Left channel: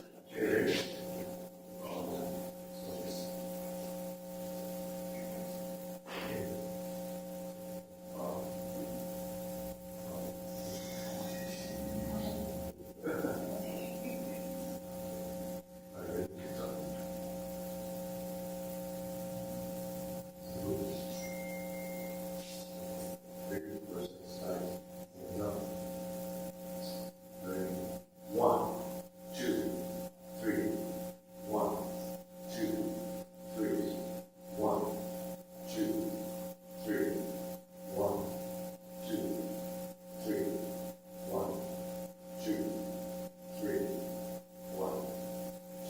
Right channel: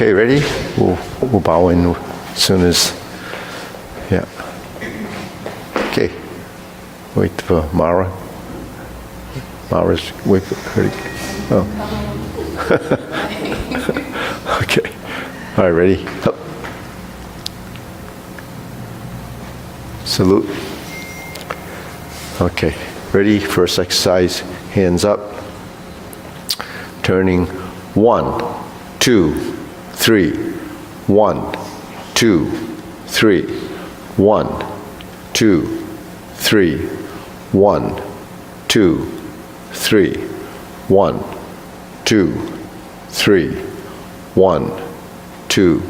Okay, ready? We'll bow in as soon as, yeah. Okay, wait for Mara. Mara's, wait for her to, oh. Okay, all right, ready? Up. Salute. Okay, ready? First exercise, hands up. Turning 1, 2, 3, 1, 2, 3, 1, 2, 3, 1, 2, 3, 1, 2, 3, 1, 2,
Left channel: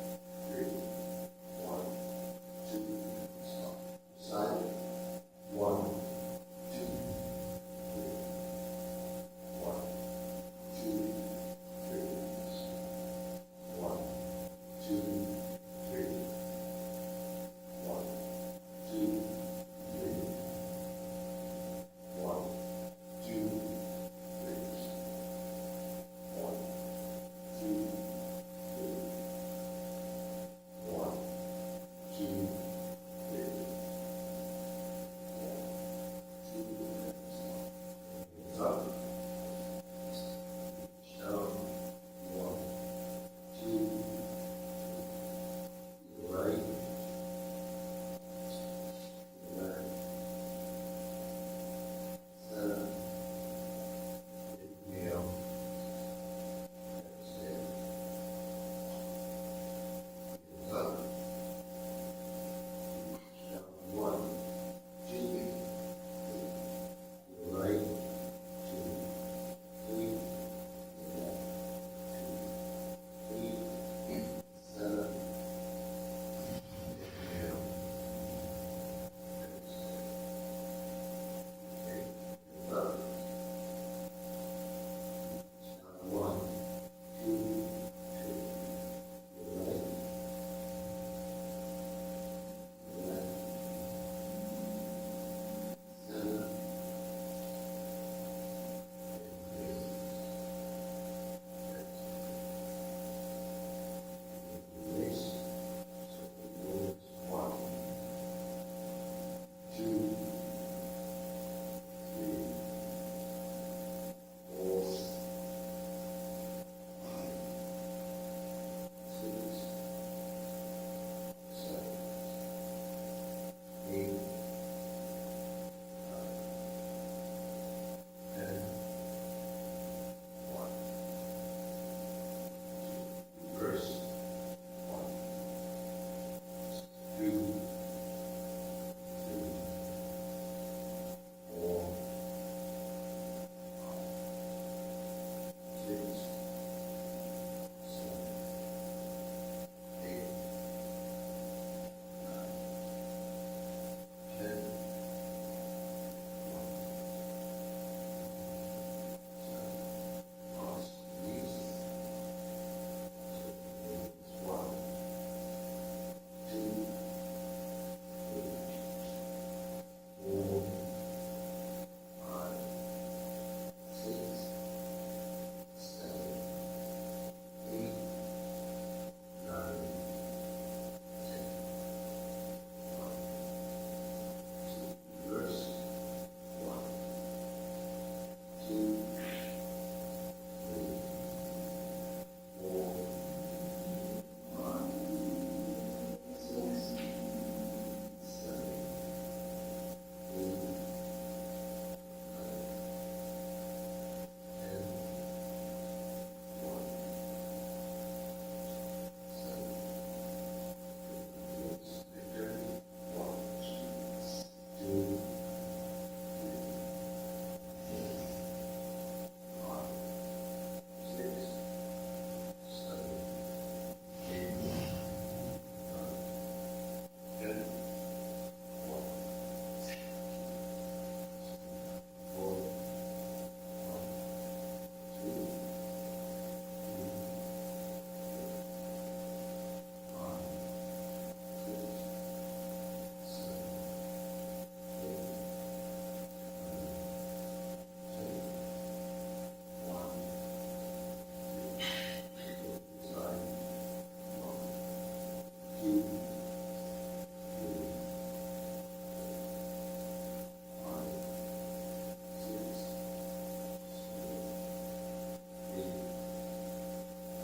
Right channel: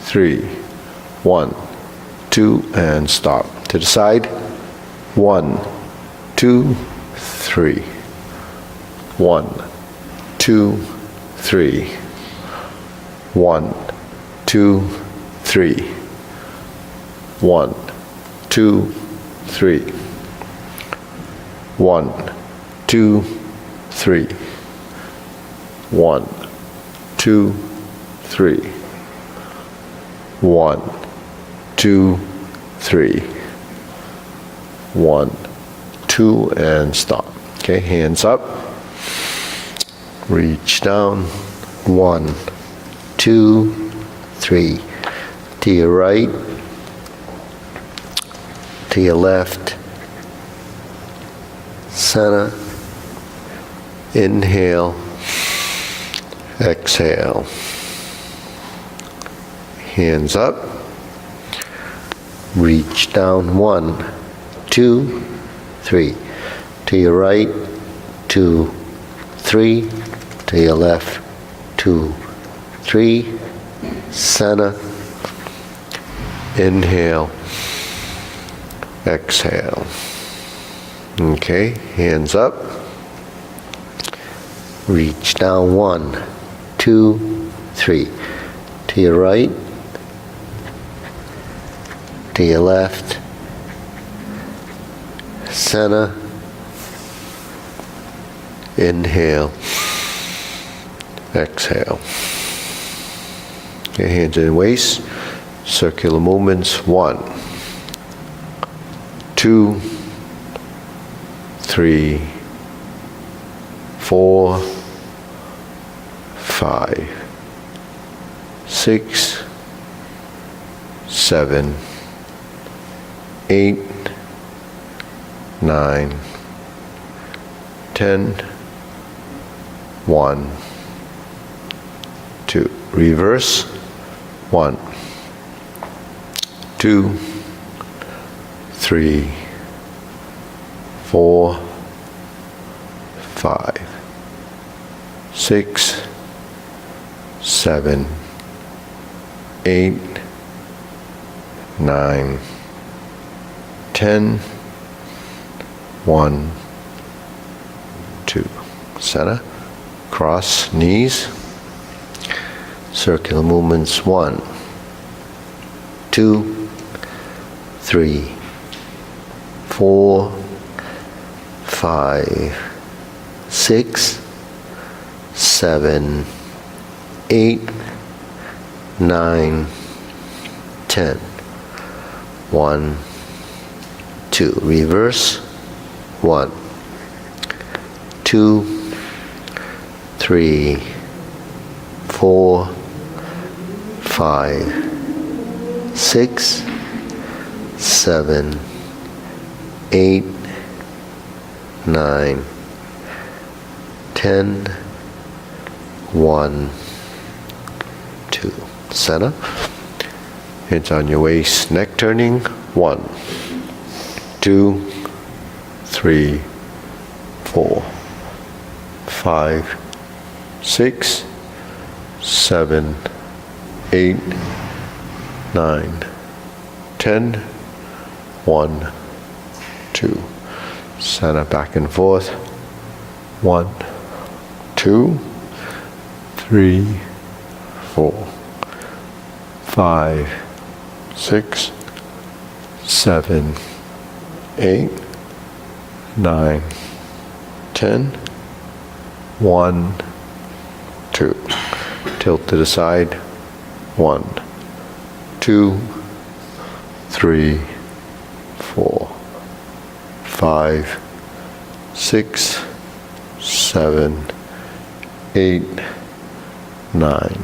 3, 1, 2, and stop. To the side. 1, 2, 3. 1, 2, 3. 1, 2, 3. 1, 2, 3. 1, 2, 3. 1, 2, 3. 1, 2, 3. 1, 2, and stop. Okay, hands up. Reach down. 1, 2, 3. To your right, to your left, center, inhale, exhale. Hands up. Reach down. 1, 2, 3. To your right, 2, 3. To your left, 2, 3. Center. Inhale. Exhale. Okay, hands up. Reach down. 1, 2, 3. To your right, to your left, center, inhale, exhale. Okay, hands in waist, circular movements. 1, 2, 3, 4, 5, 6, 7, 8, 9, 10, 1, 2. Reverse. 1, 2, 3, 4, 5, 6, 7, 8, 9, 10, 1, 2. Center. Cross knees. Circular movements. 1, 2, 3, 4, 5, 6, 7, 8, 9, 10. 1, 2. Reverse. 1, 2, 3, 4, 5, 6, 7, 8, 9, 10, 1, 2. Center. Hands on your waist, neck turning. 1, 2, 3, 4, 5, 6, 7, 8, 9, 10, 1, 2. Center, back and forth. 1, 2, 3, 4, 5, 6, 7, 8, 9, 10, 1, 2. Tilt to the side. 1, 2, 3, 4, 5, 6, 7, 8, 9,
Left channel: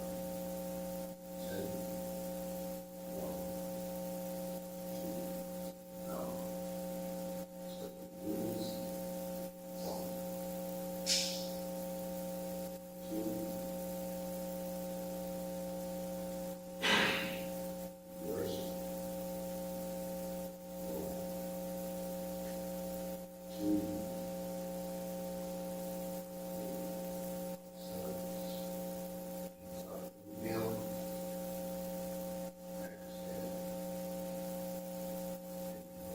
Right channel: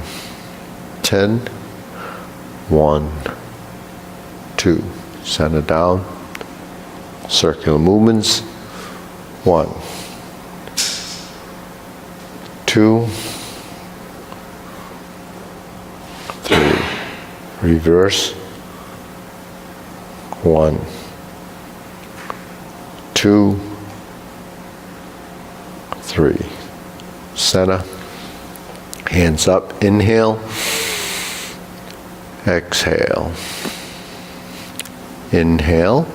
10, 1, 2. Center down. Circular movements. 1, 2, 3. Reverse. 1, 2, 3. Center. Hands up. Inhale. Exhale. Inhale.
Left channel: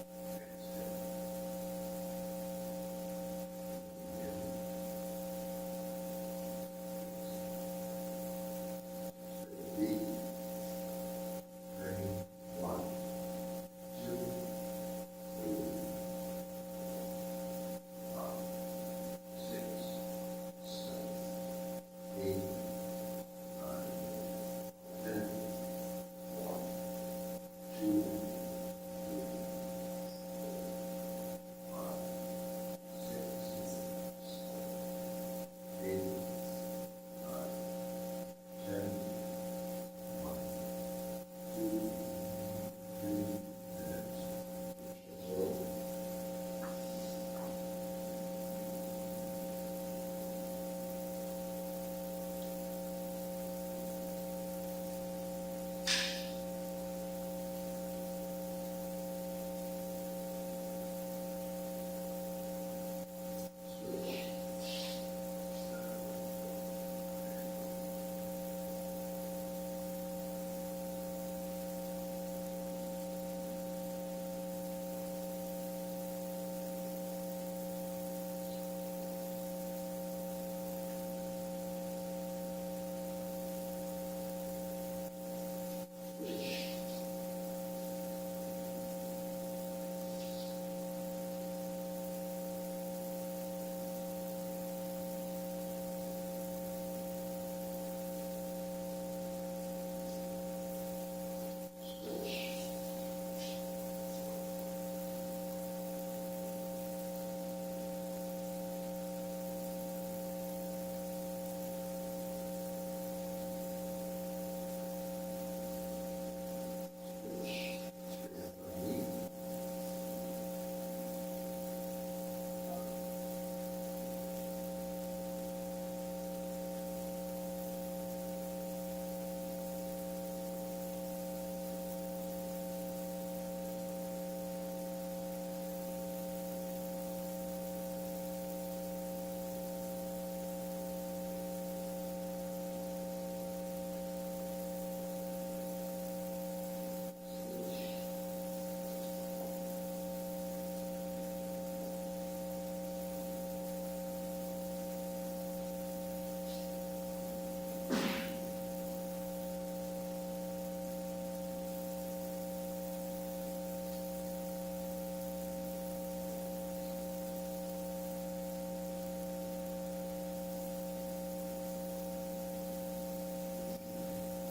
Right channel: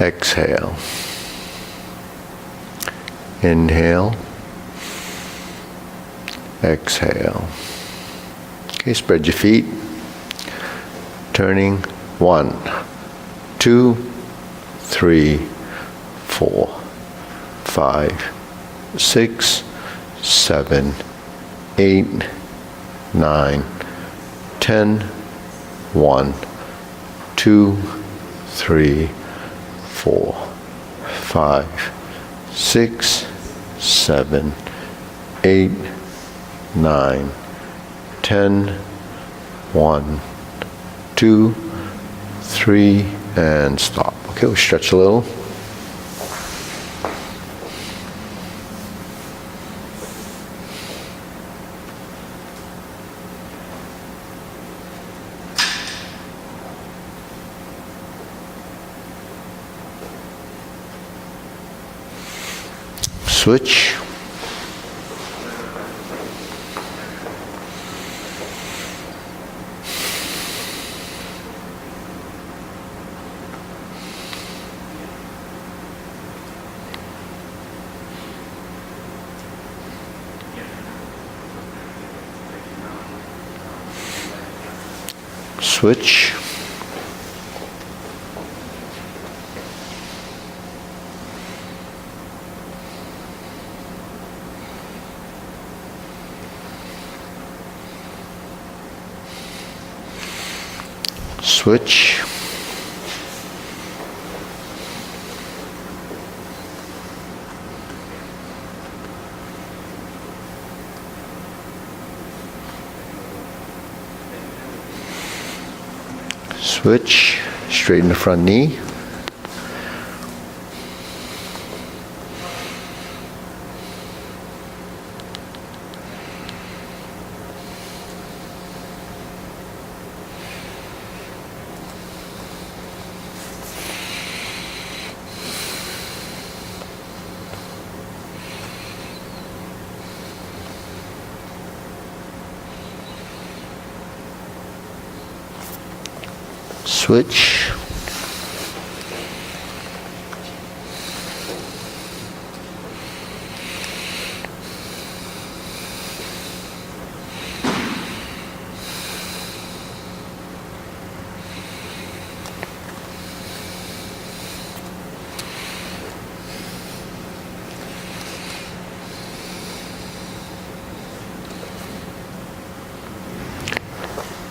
Exhale. Inhale. Exhale. Okay, spread your feet. Turning. 1, 2, 3, 4, 5, 6, 7, 8, 9, 10, 1, 2, 3, 4, 5, 6, 7, 8, 9, 10, 1, 2, 3, and stop. Okay, we'll stretch a little. Switch. Switch. Switch. Switch. Straighten the front knee. Switch.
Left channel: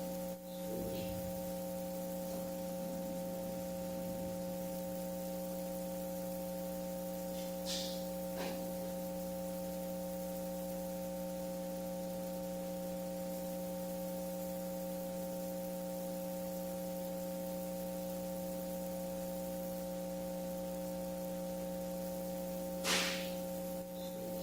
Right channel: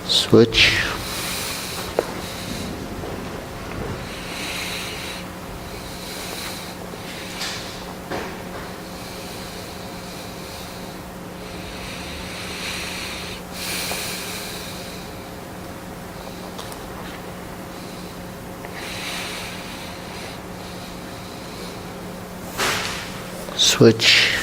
Switch. Switch.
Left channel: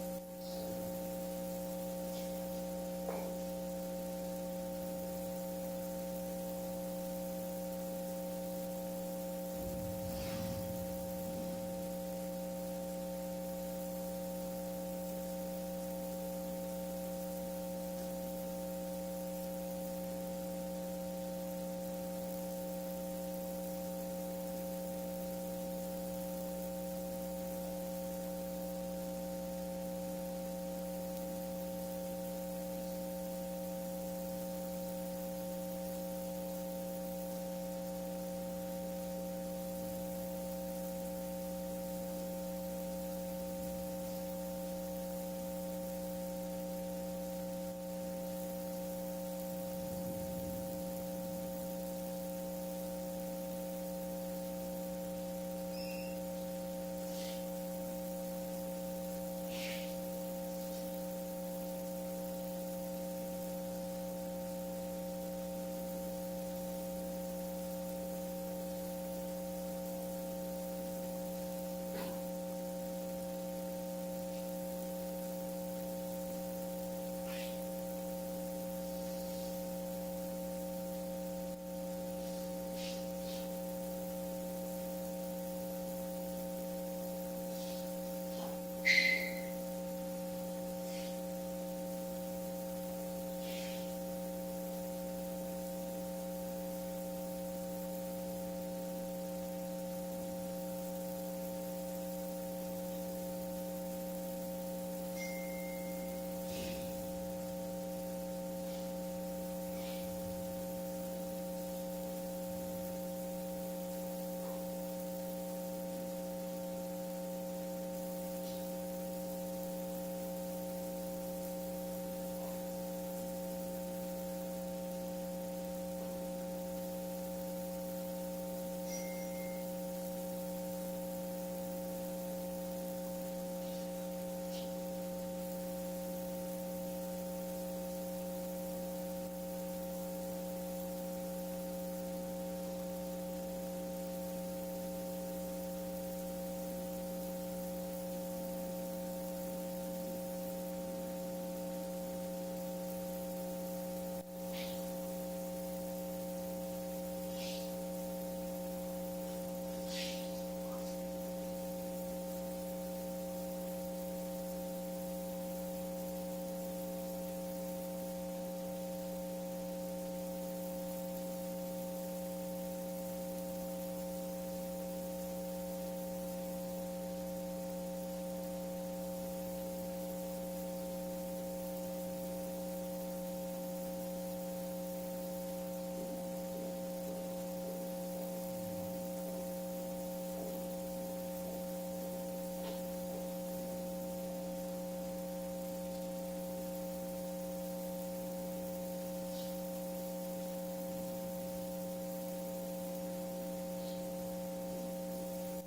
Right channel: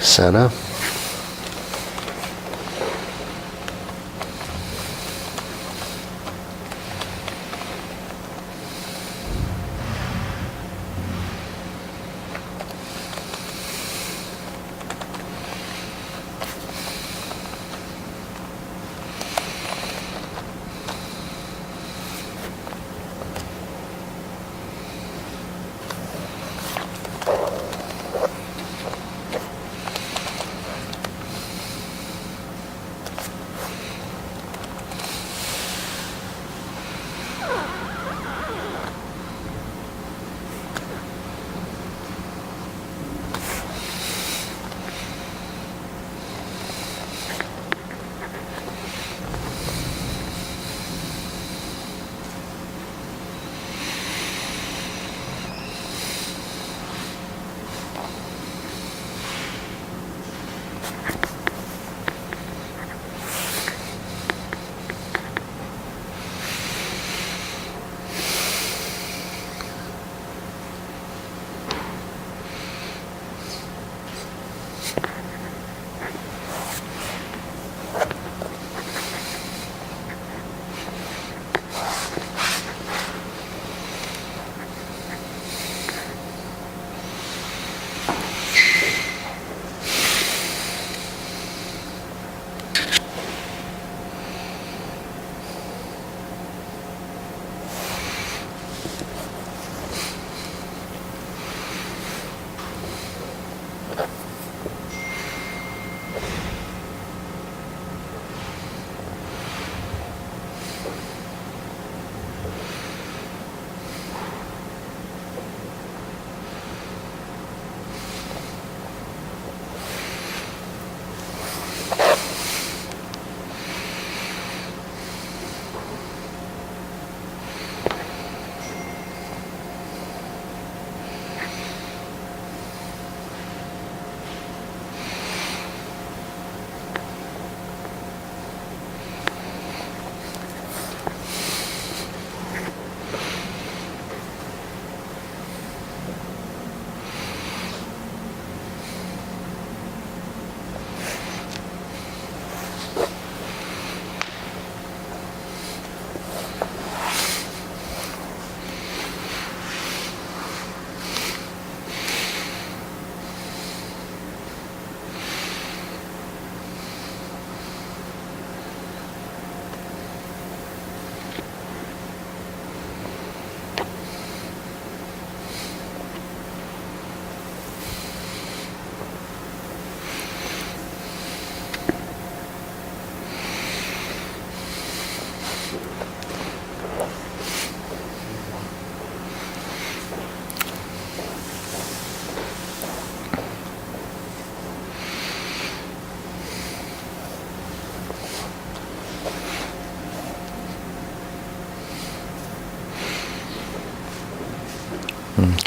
Center.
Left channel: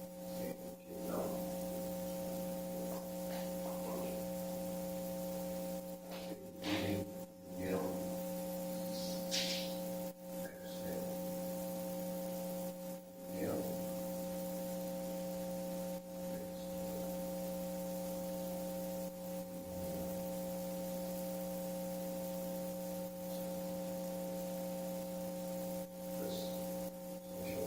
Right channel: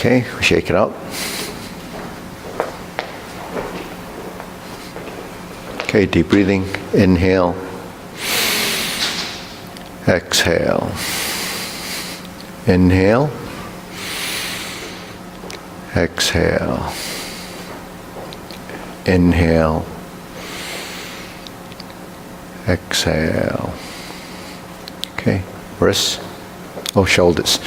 Okay, shake it out. Okay, deep breathing. Inhale. Exhale. Inhale. Exhale. Inhale. Exhale. Okay, wrists. Oh, shoulders.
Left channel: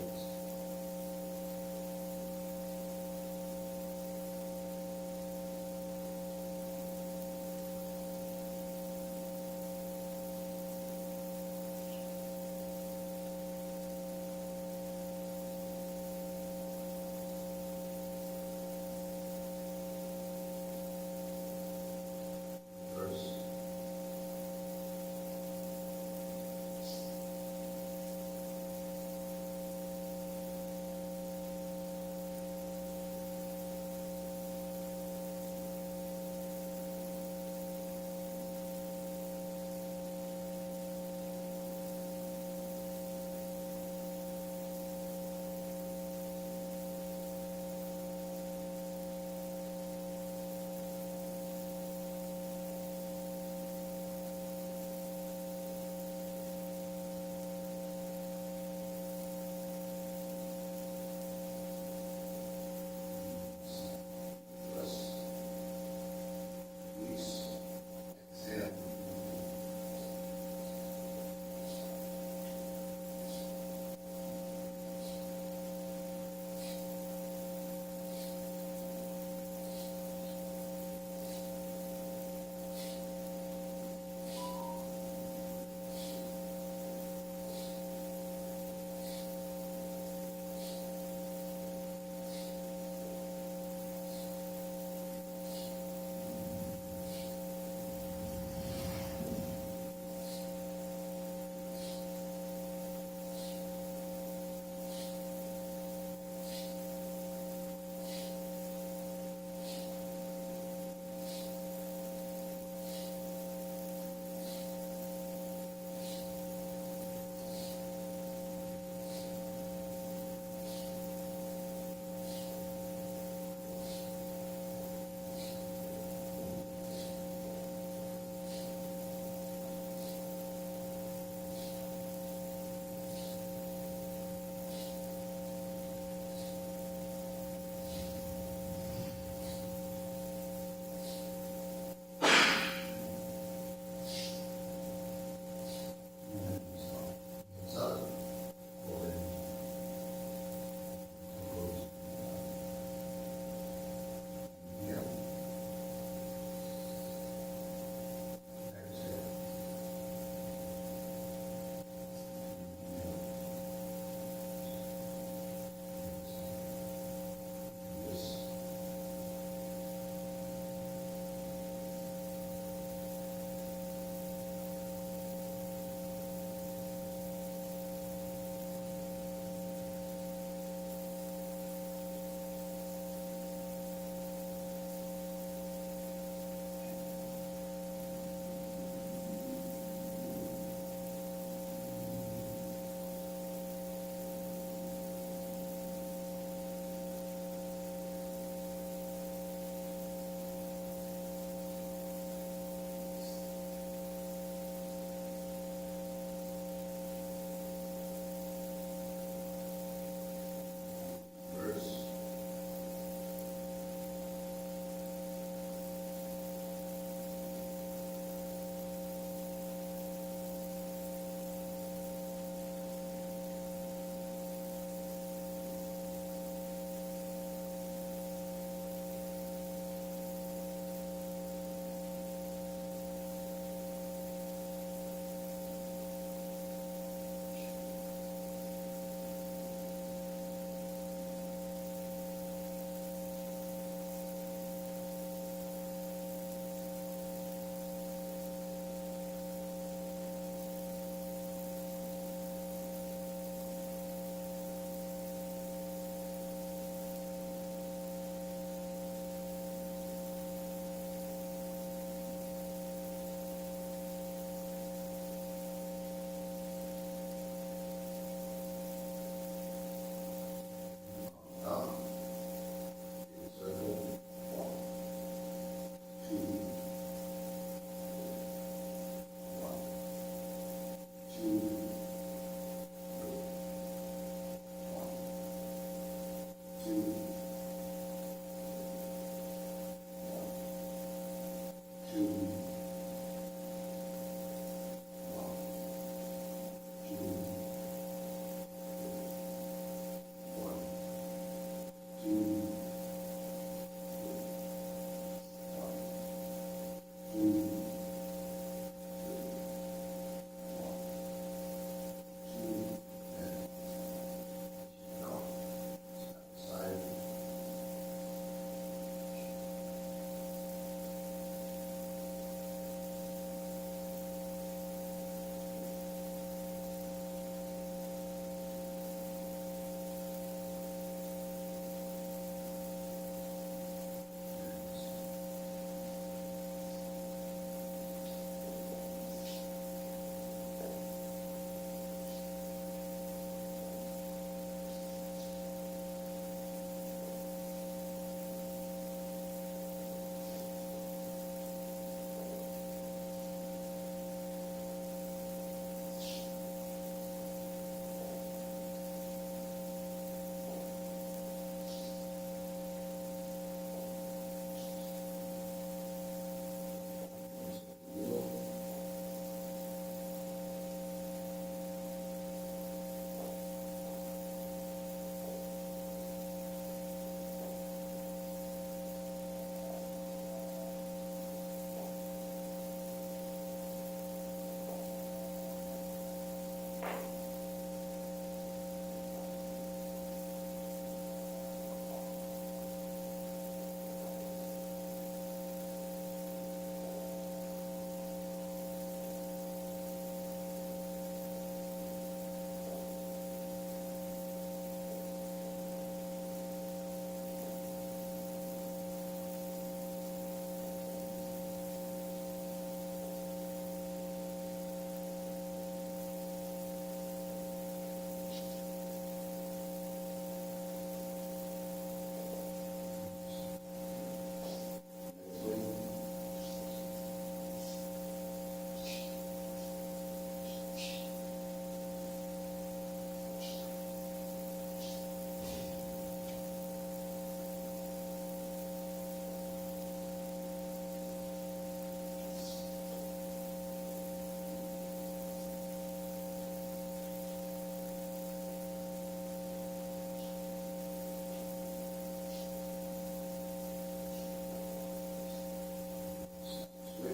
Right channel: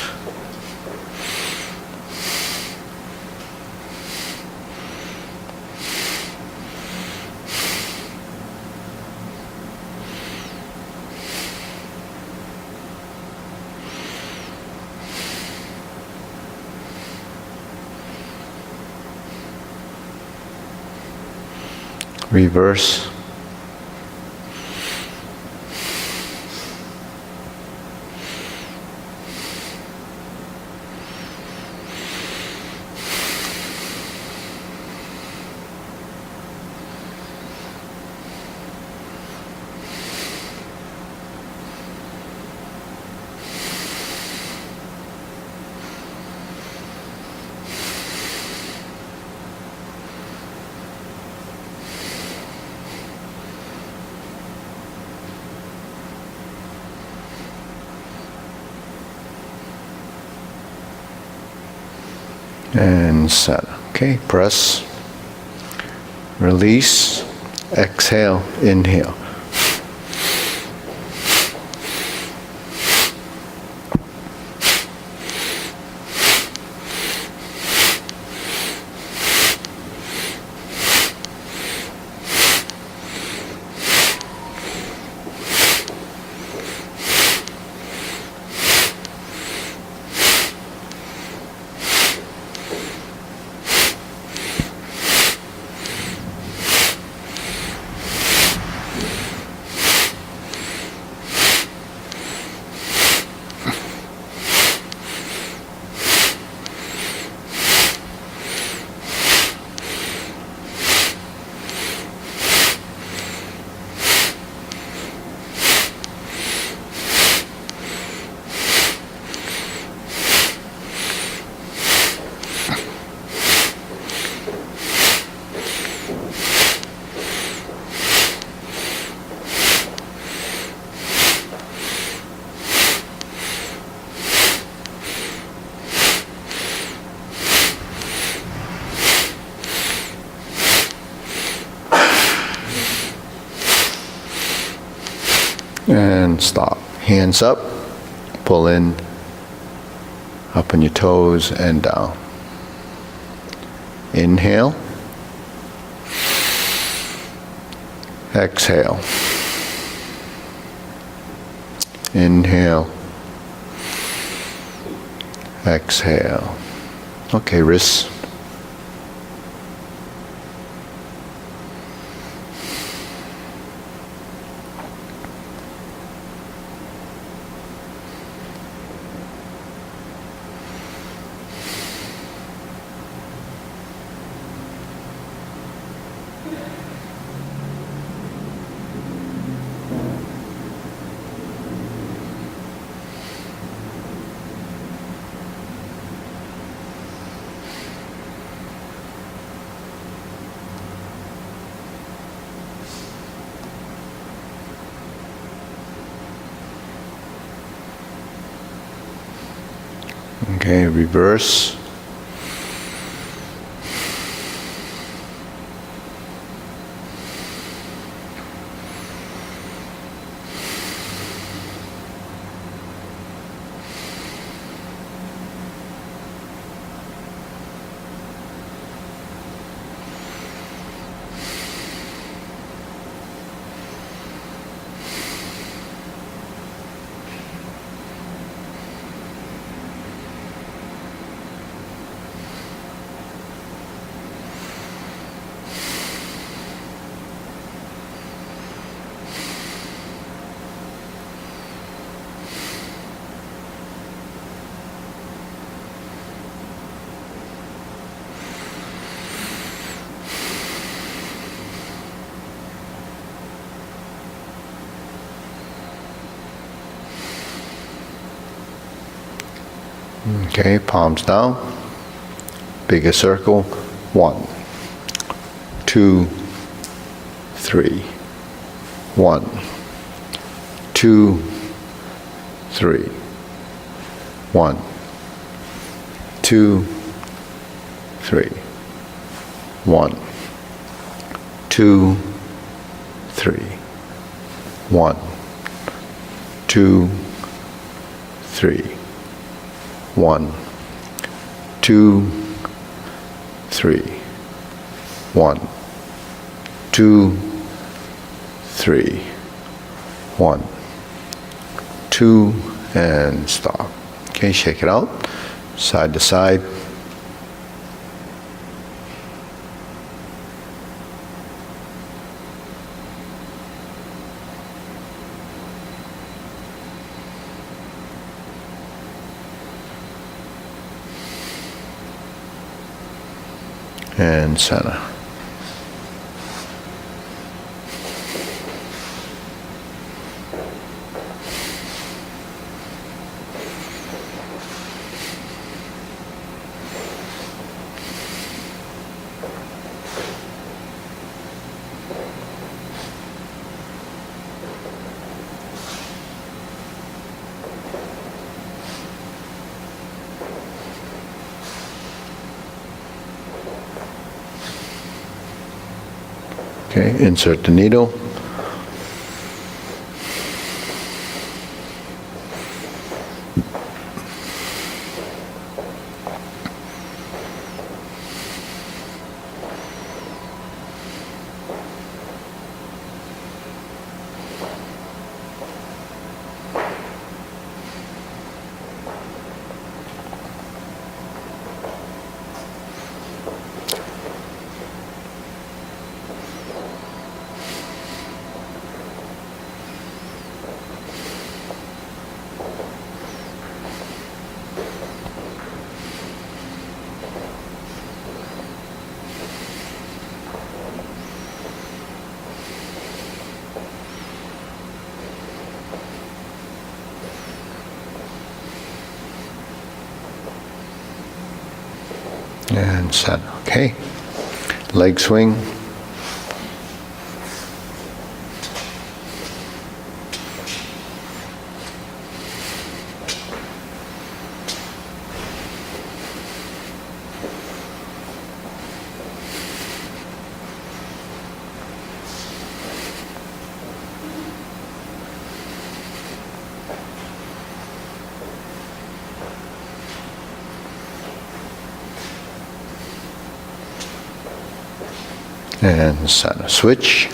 Reverse. And set. Okay, press, release, exhale, inhale. And stop. Hands up, pull in, up on your toes and down. Inhale. Exhale. Inhale. Exhale. Okay, wrists. Okay, reverse. Okay, palms down. Bigger circle. 1, 2, 3. 1, 2, 3. 1, 2, 3. 1, 2, 3. 1, 2, 3. 1, 2, 3. 1, 2, 3. 1, 2, and stop. Okay, shake it out. Side to side. And center. Okay, insert the needle. And set. Okay. Leg swing. And center. Switch.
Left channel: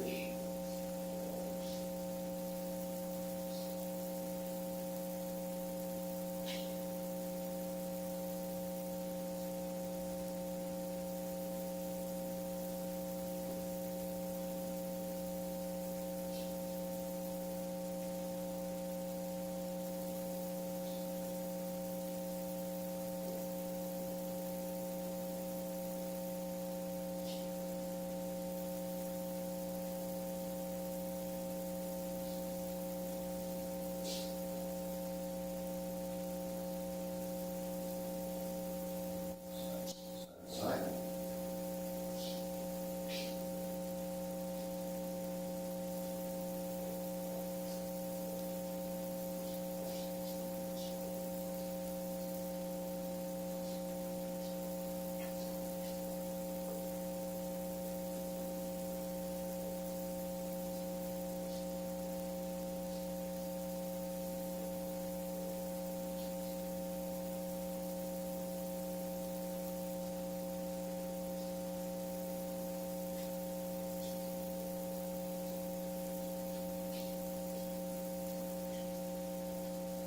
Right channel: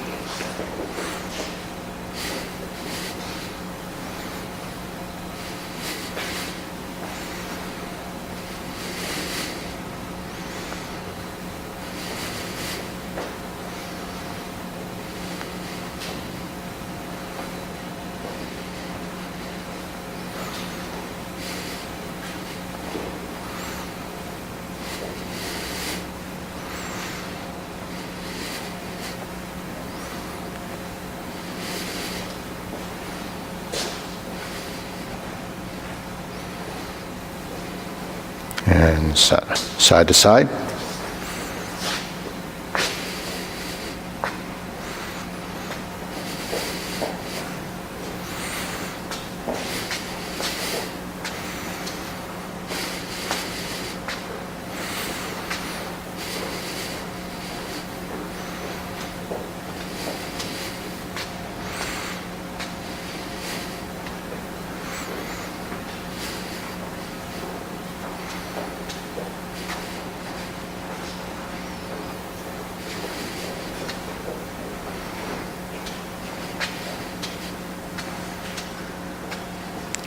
And center. Side to side.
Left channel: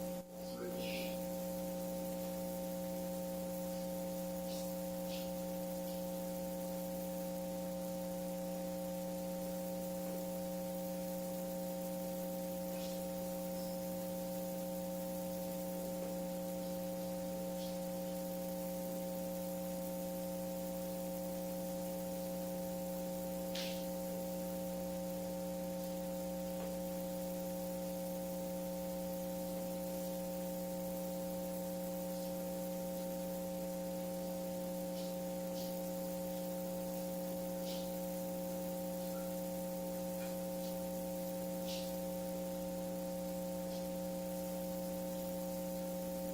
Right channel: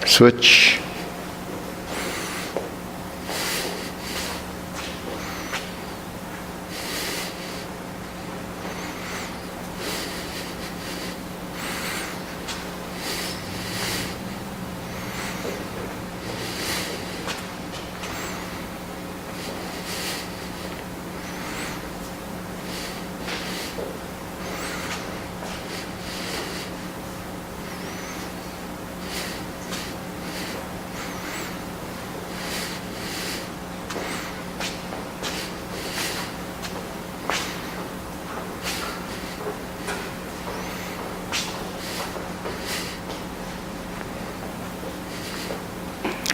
Switch.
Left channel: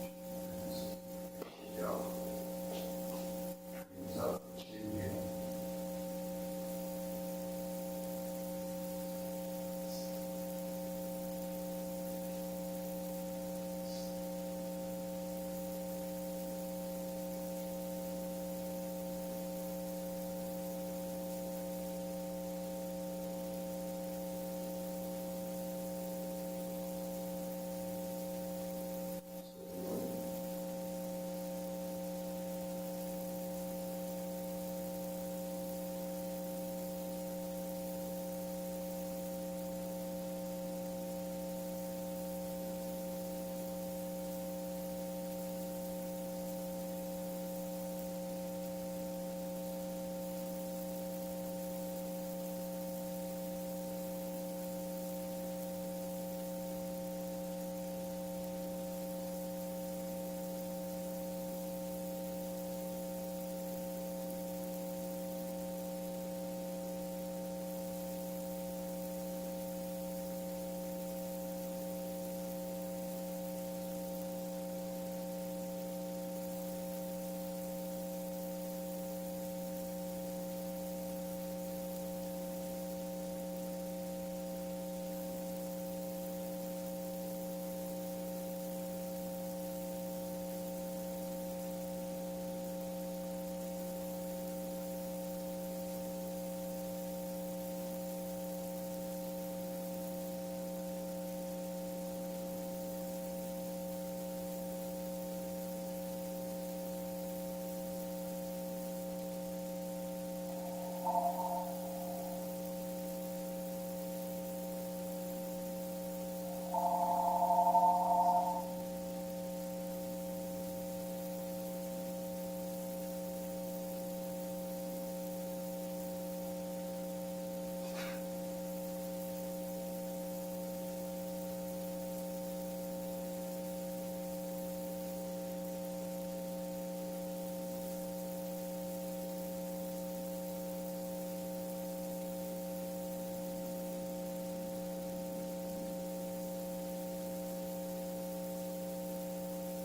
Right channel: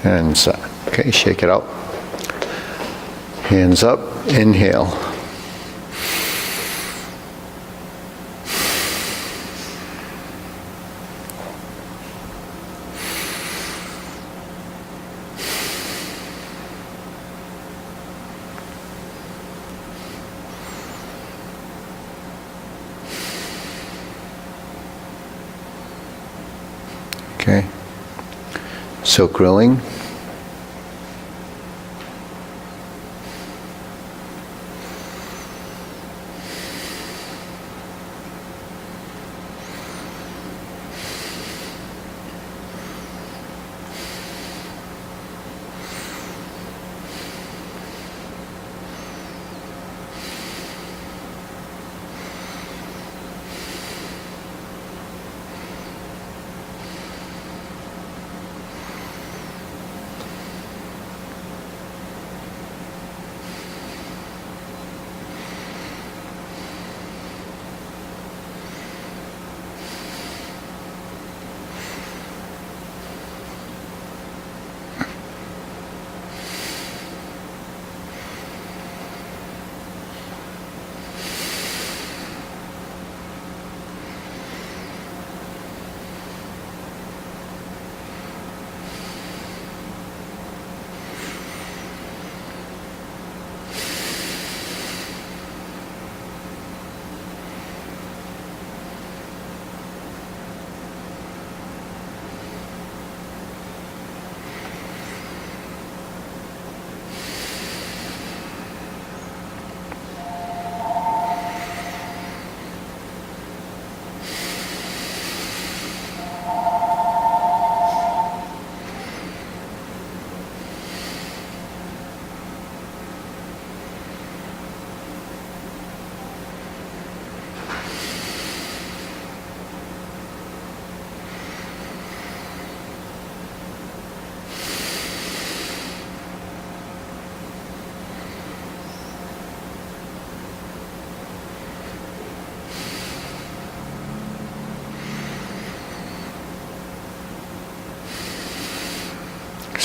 And so, okay, shake it out. Hands up, inhale. Okay. So grilling.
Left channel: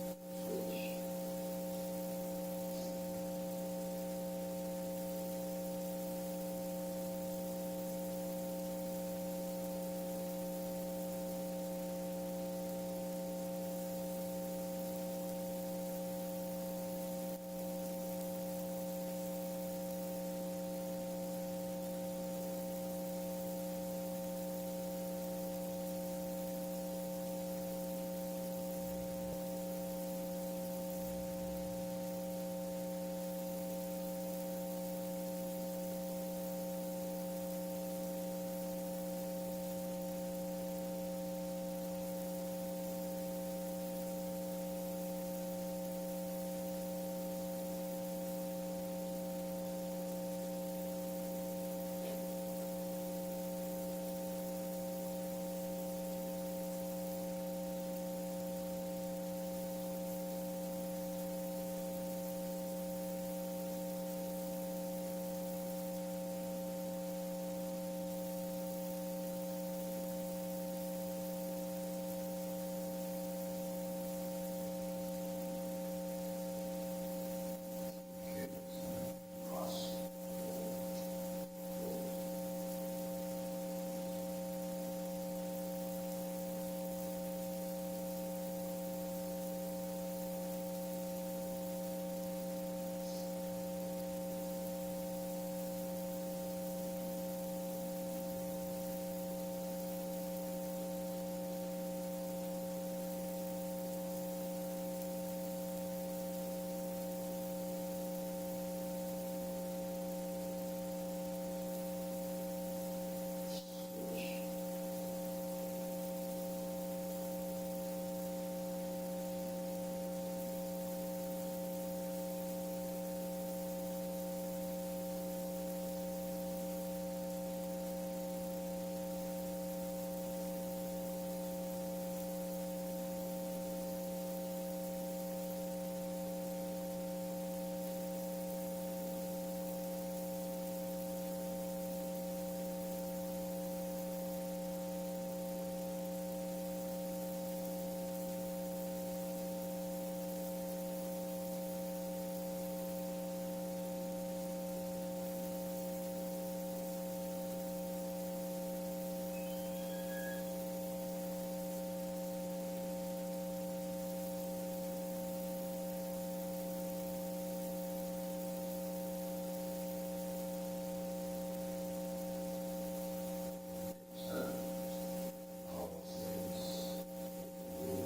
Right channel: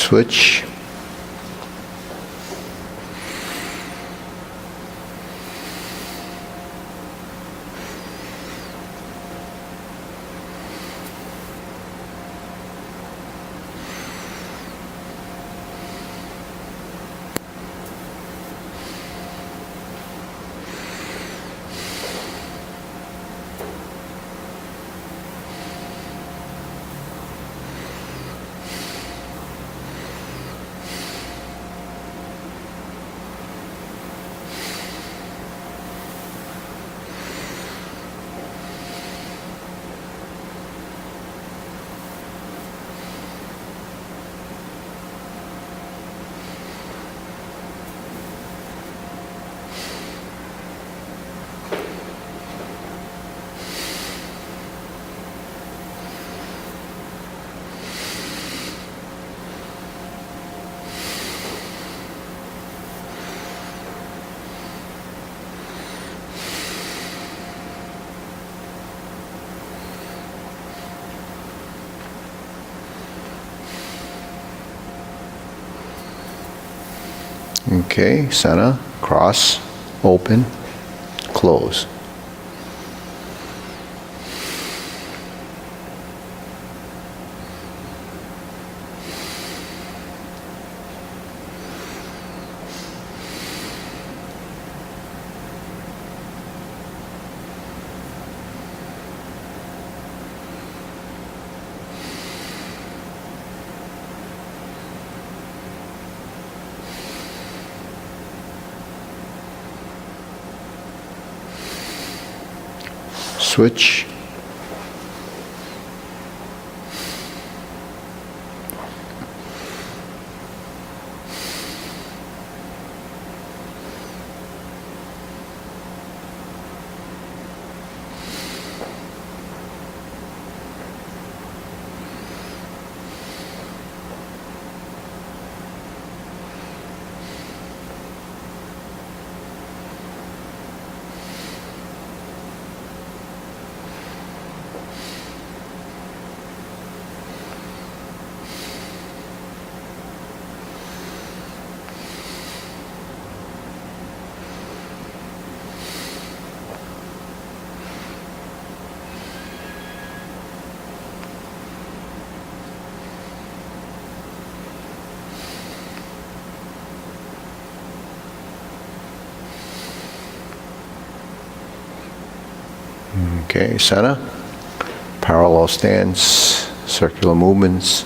Switch. Okay, center, cross, open, close. Switch. Okay, center, parallel stance, circular movements.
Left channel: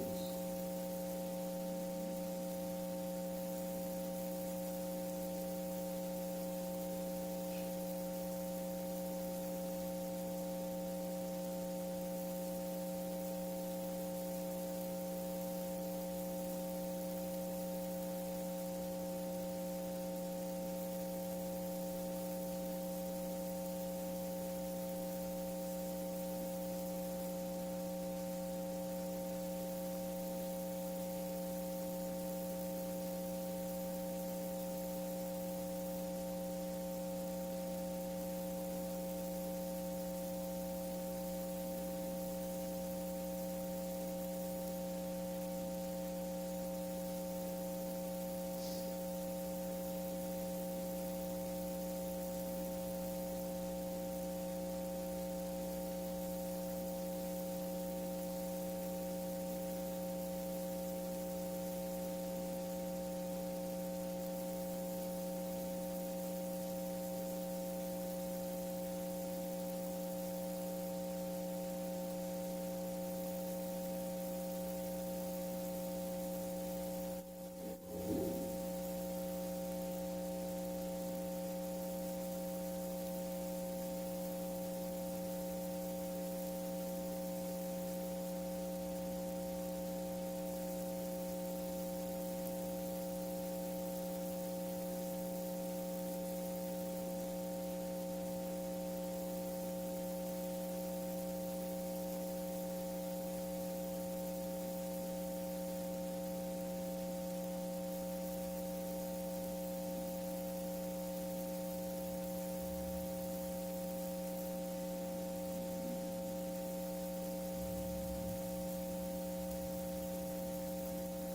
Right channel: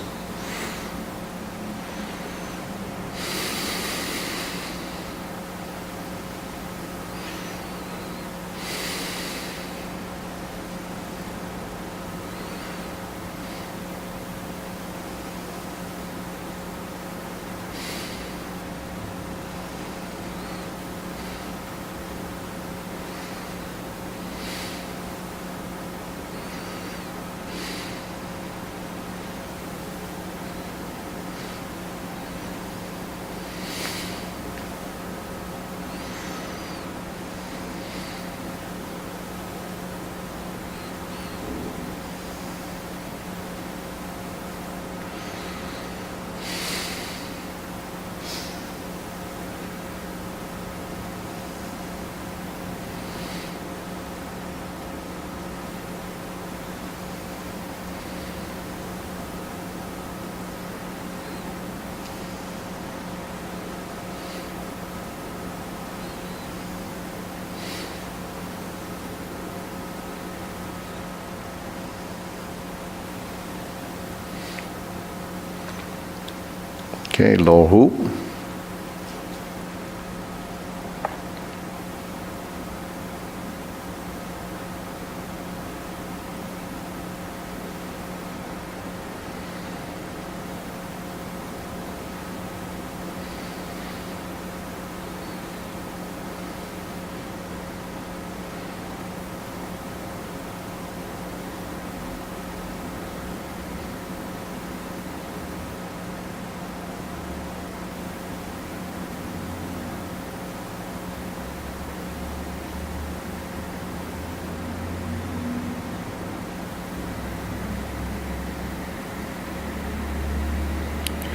Okay, low hoop.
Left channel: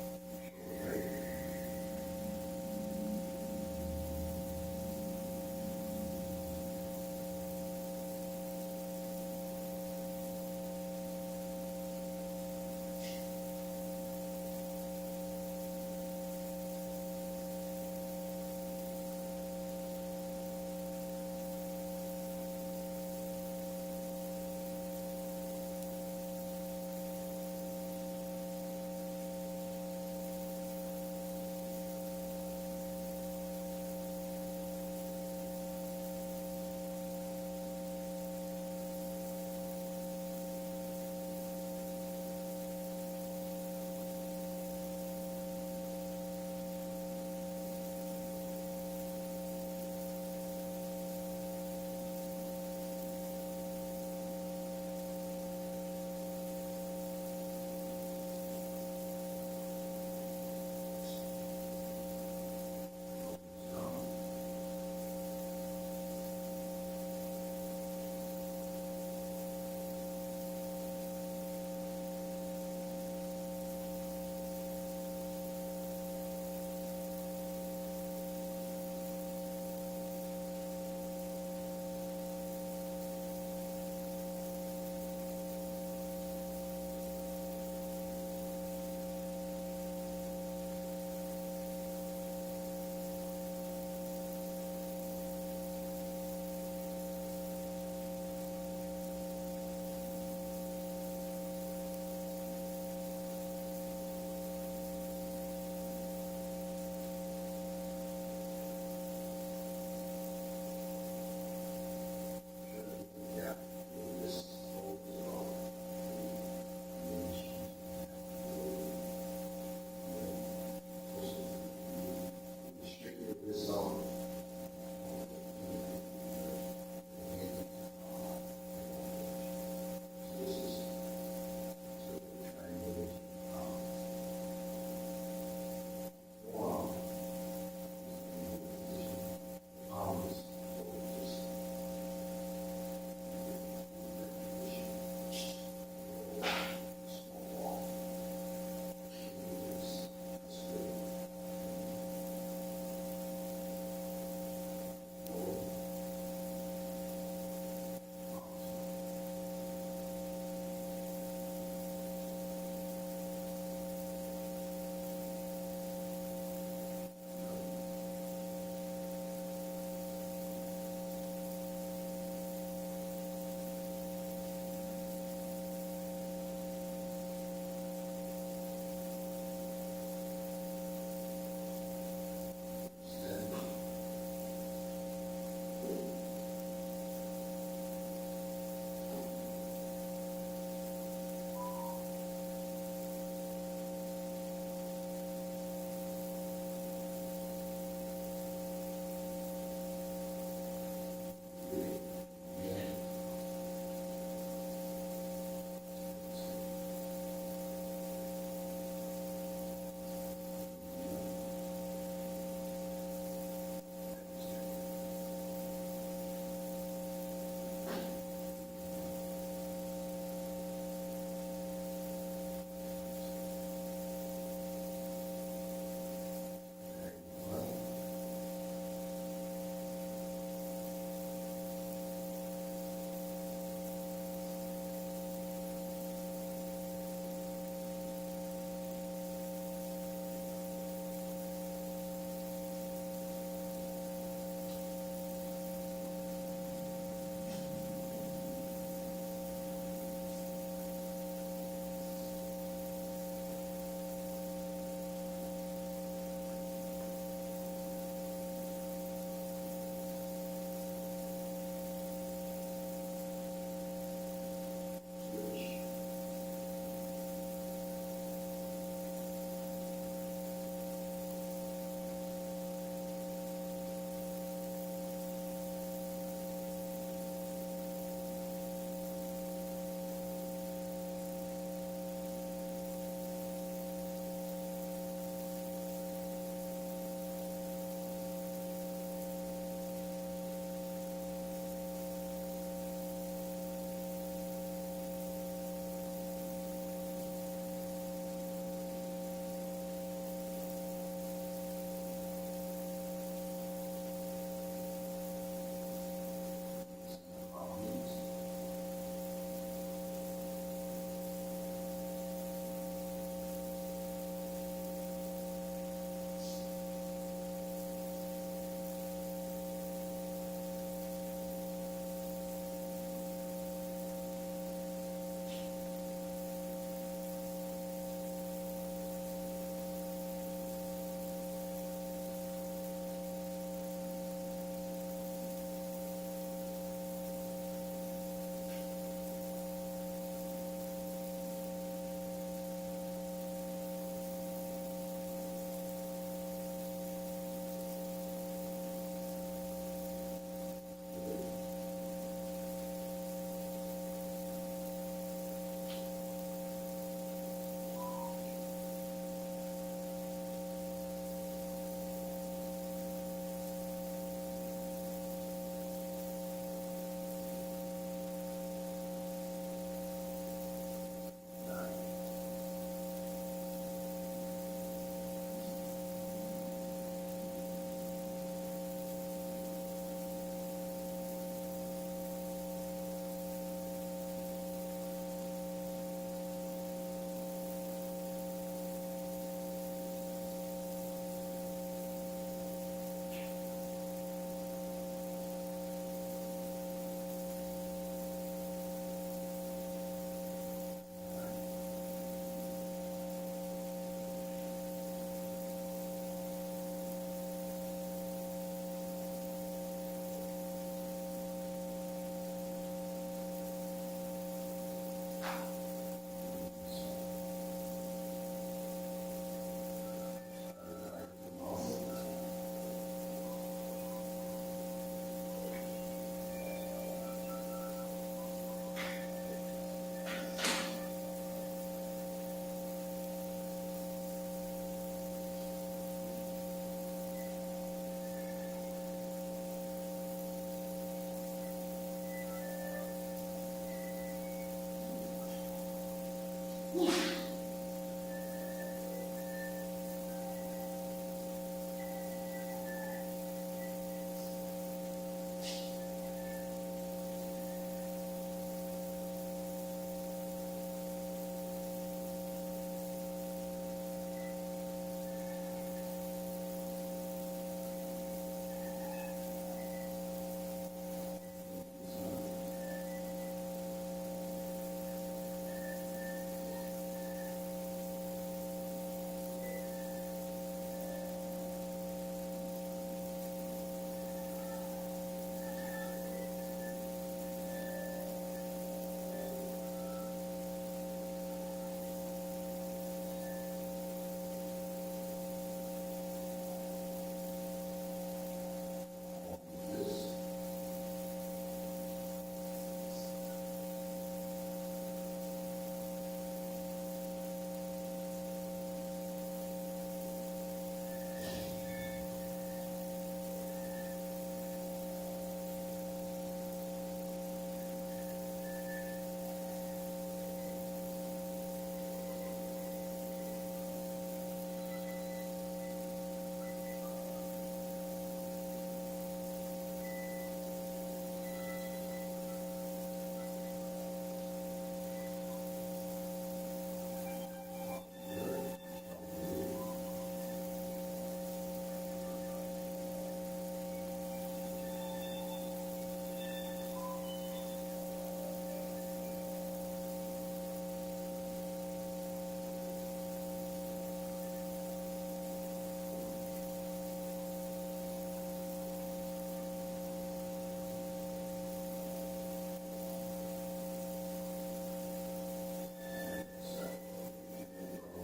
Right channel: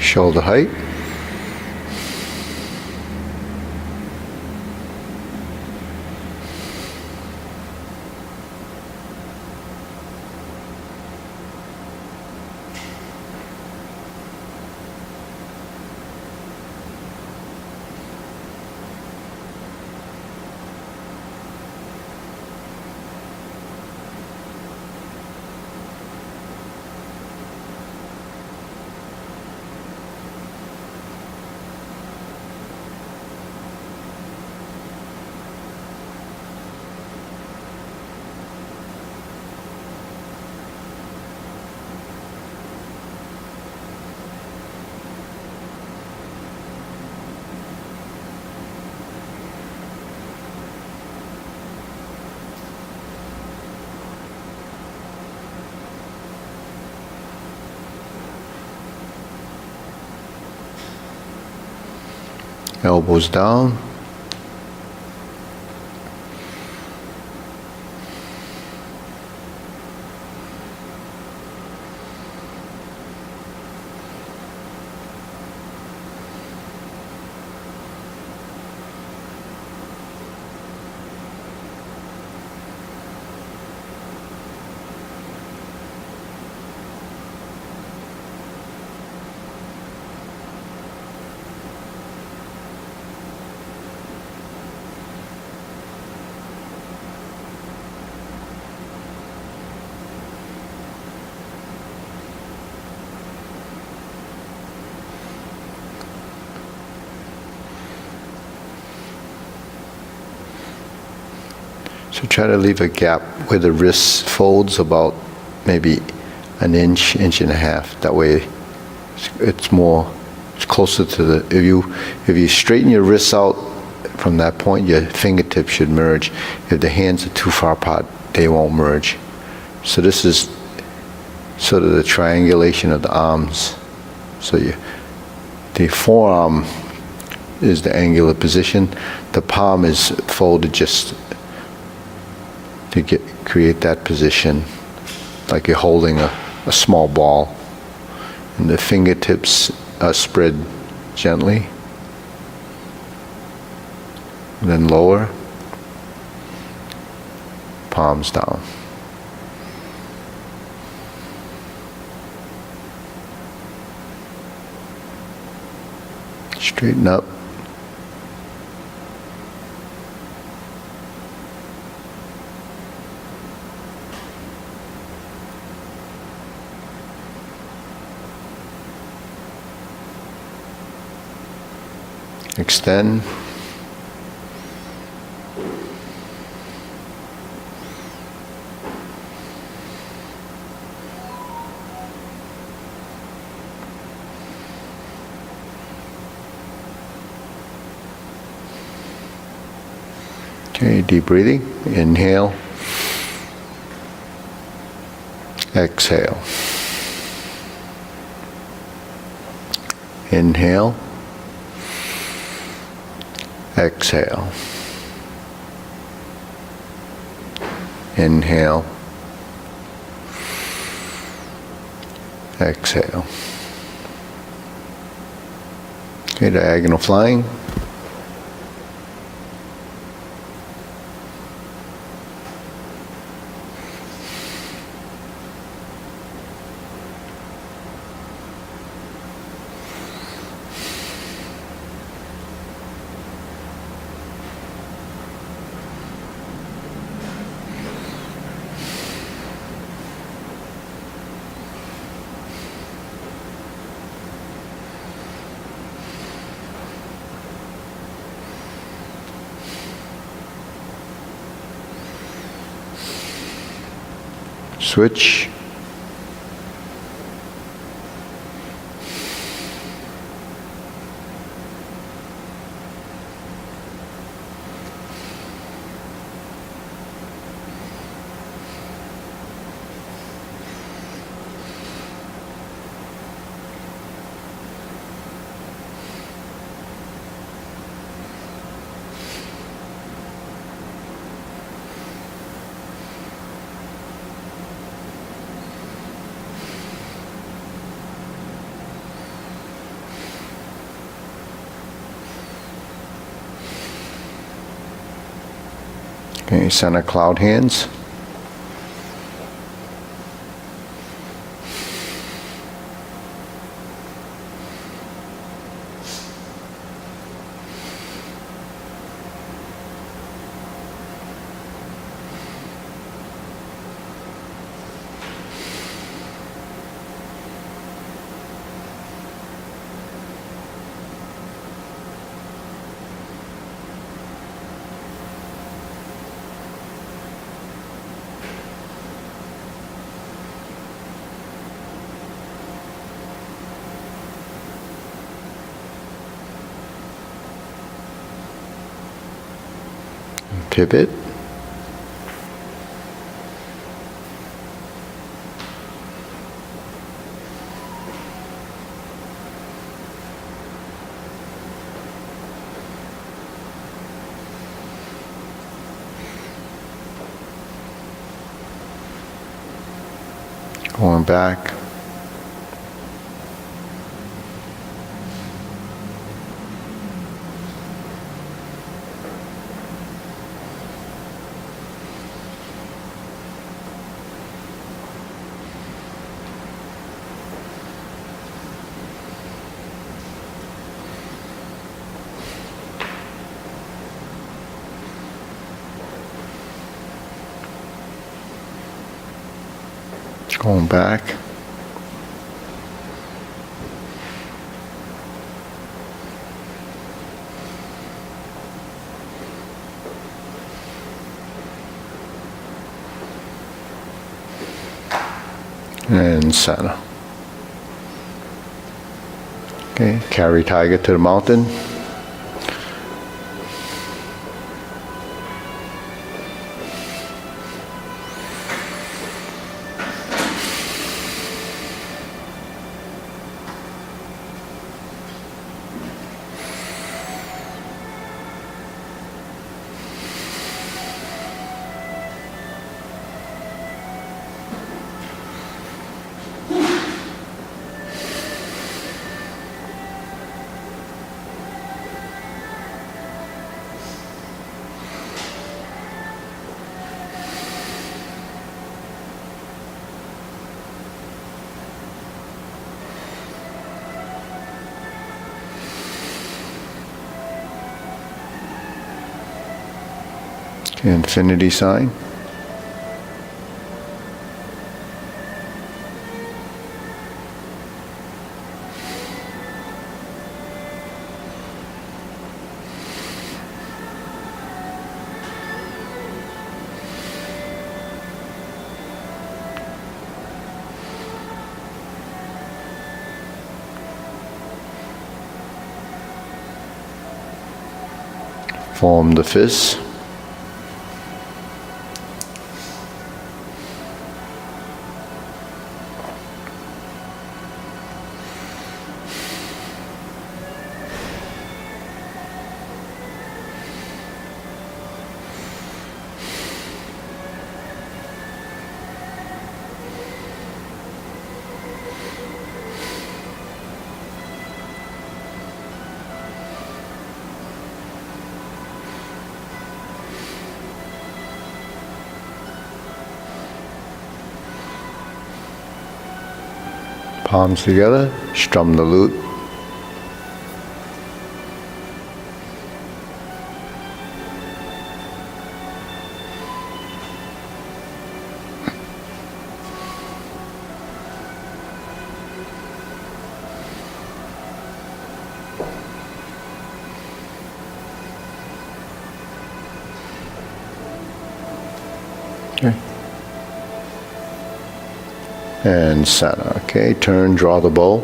Shoulder height. Elbows down. So try to leave a gap where the wrist folds about maybe an inch, inch and a half. That way it's closer to the, if you straighten your wrists out from that point, your fingertips should merge. If the hands are too far apart, they won't merge. So this is sort of the triangulation of the arms. So the forearm is the angular position. The palm is folded just to create that position, like you're holding a small ball. And the fingertips are spread gently. Then lower, palms down. Straighten up. Extend. Okay, deep breathing. Inhale. Exhale. Inhale. Exhale. Inhale. Exhale. Okay, diagonal flying. Switch. Okay, center cloud hands. Pivot. Going back. Going back. and center. Okay, carry tiger to the mountain. Infinity sign. Form the fist. Palms together, strum the lute. Okay. And center. Okay, turn, draw the bow.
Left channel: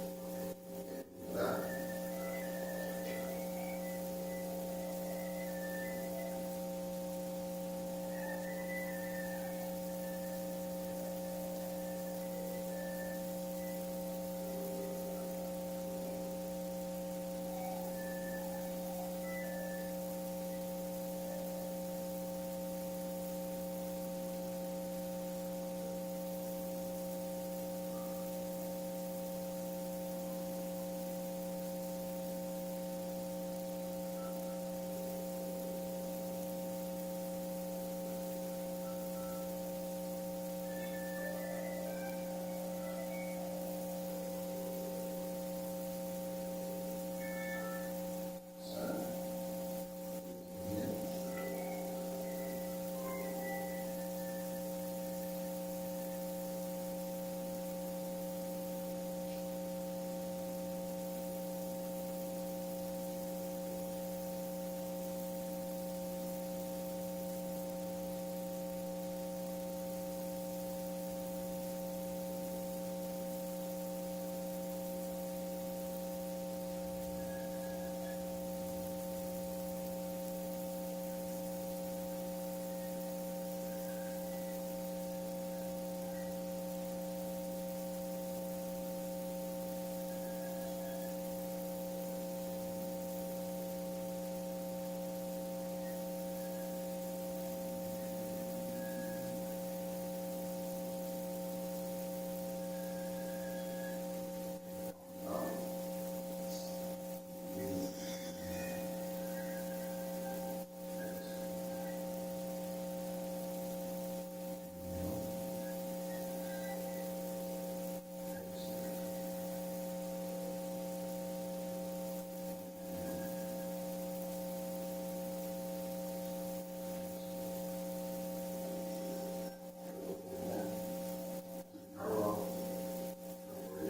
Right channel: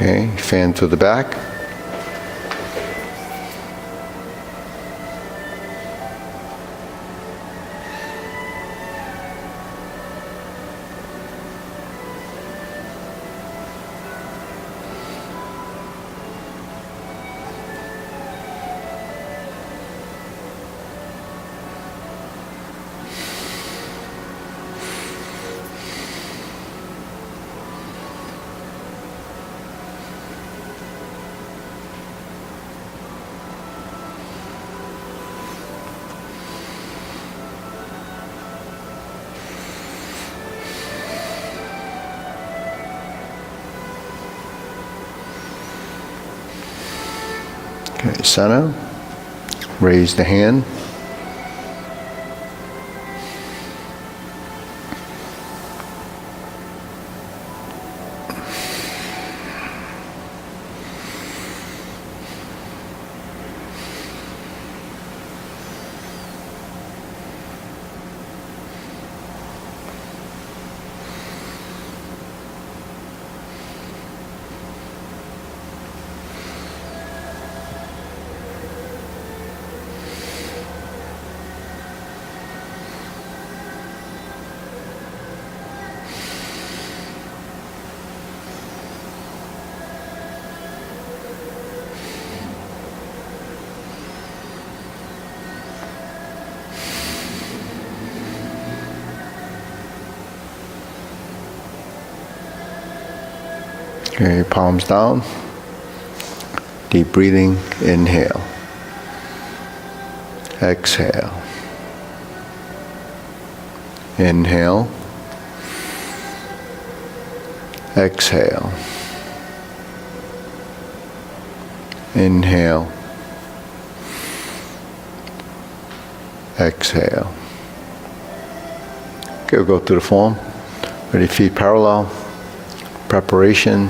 Okay, fan to the back. Okay, center. Raise the hand. Okay, palms down. Deep breathing, inhale. Exhale. Inhale. Exhale. Inhale. Exhale. Okay, we'll go through the form. Ready, feet parallel. Preparation.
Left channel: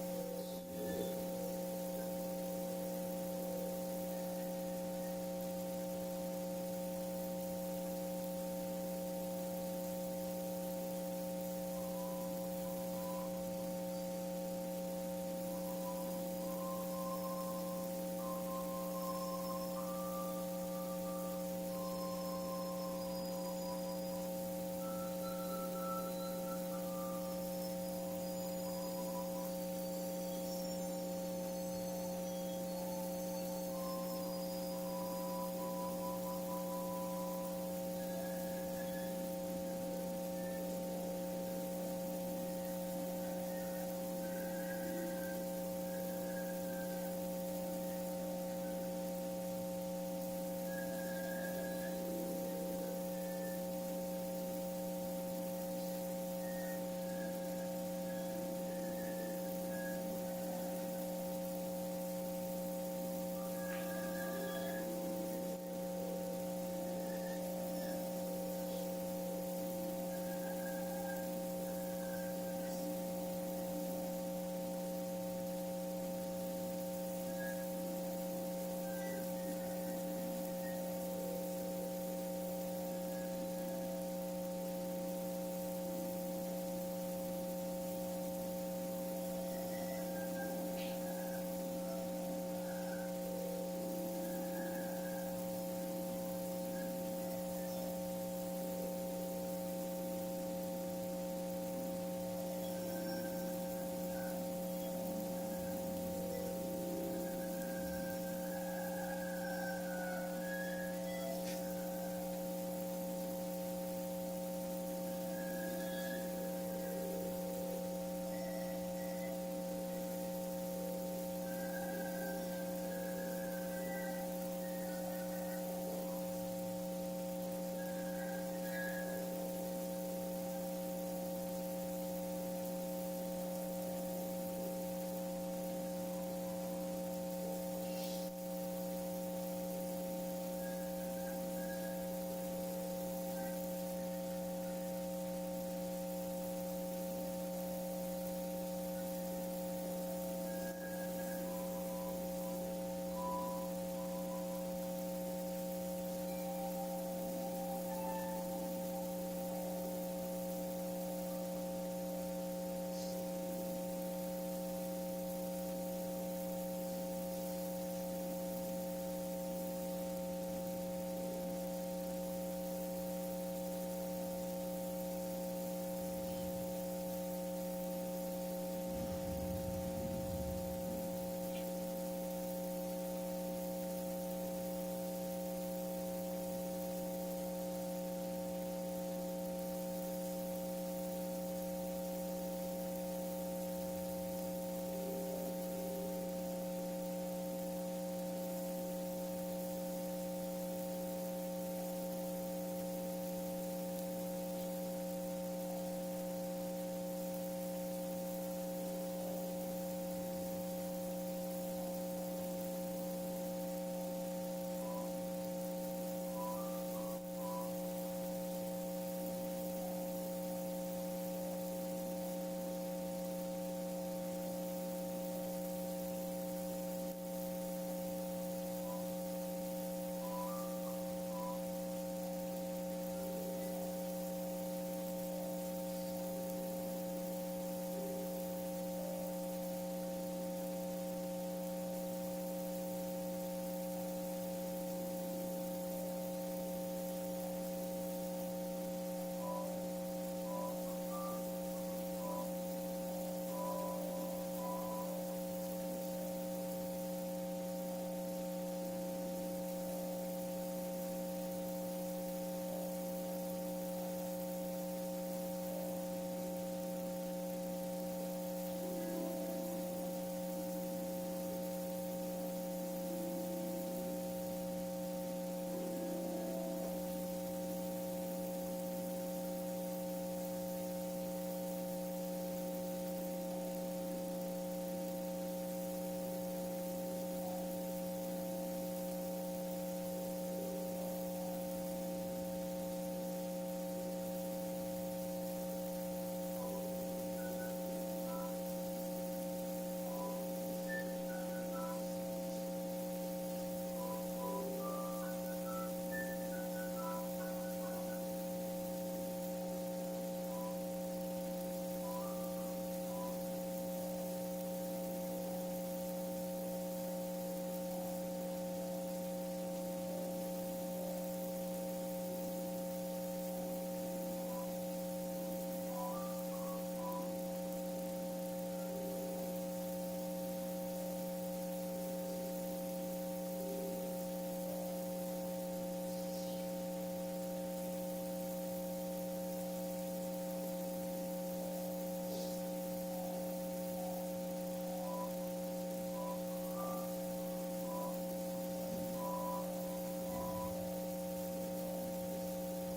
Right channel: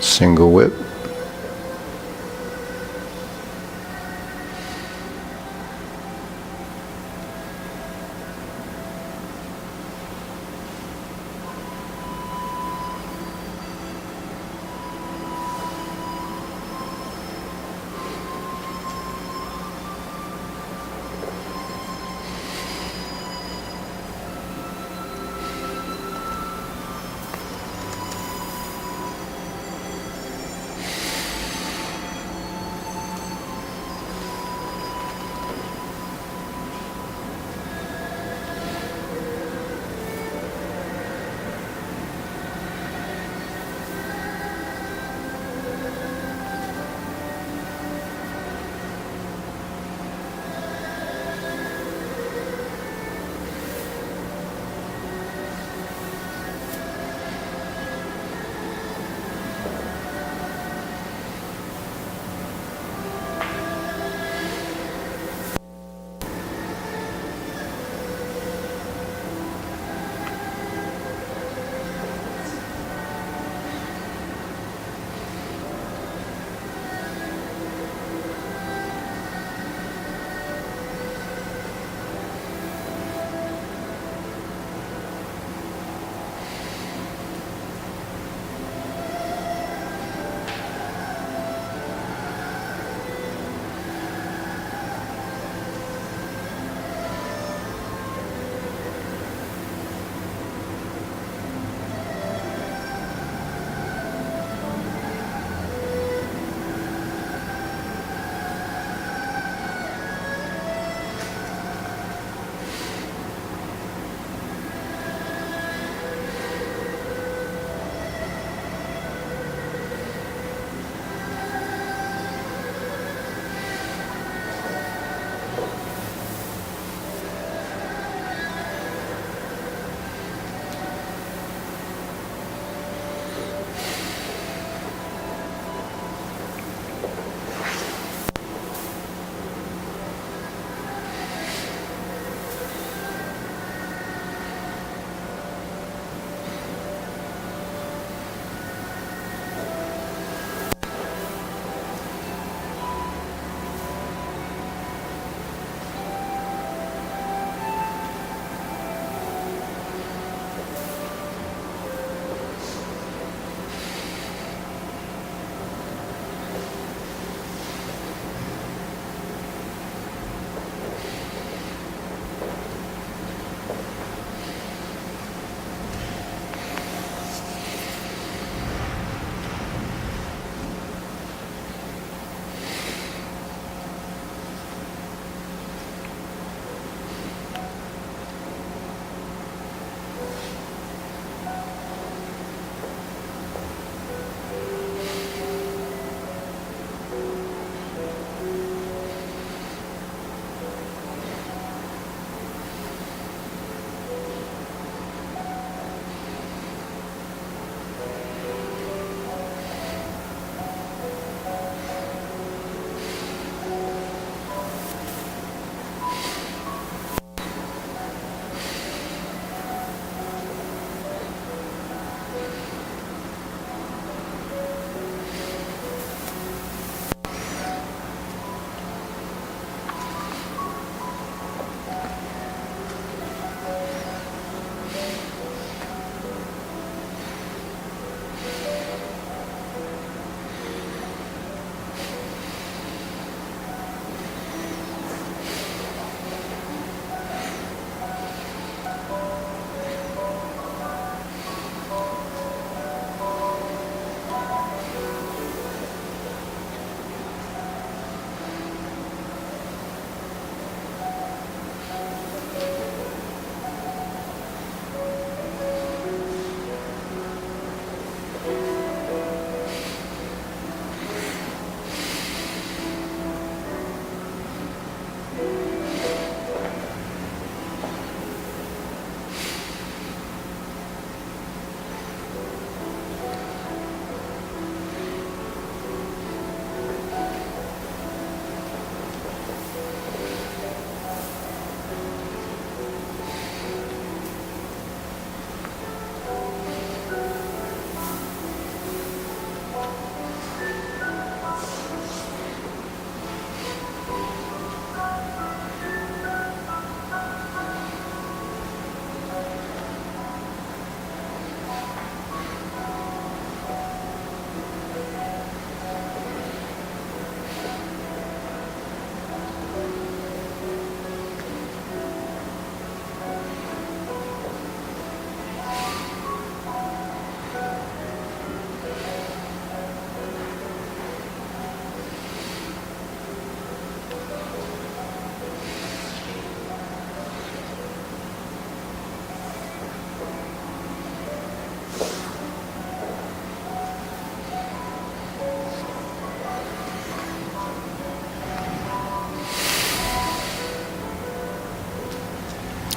Single whip.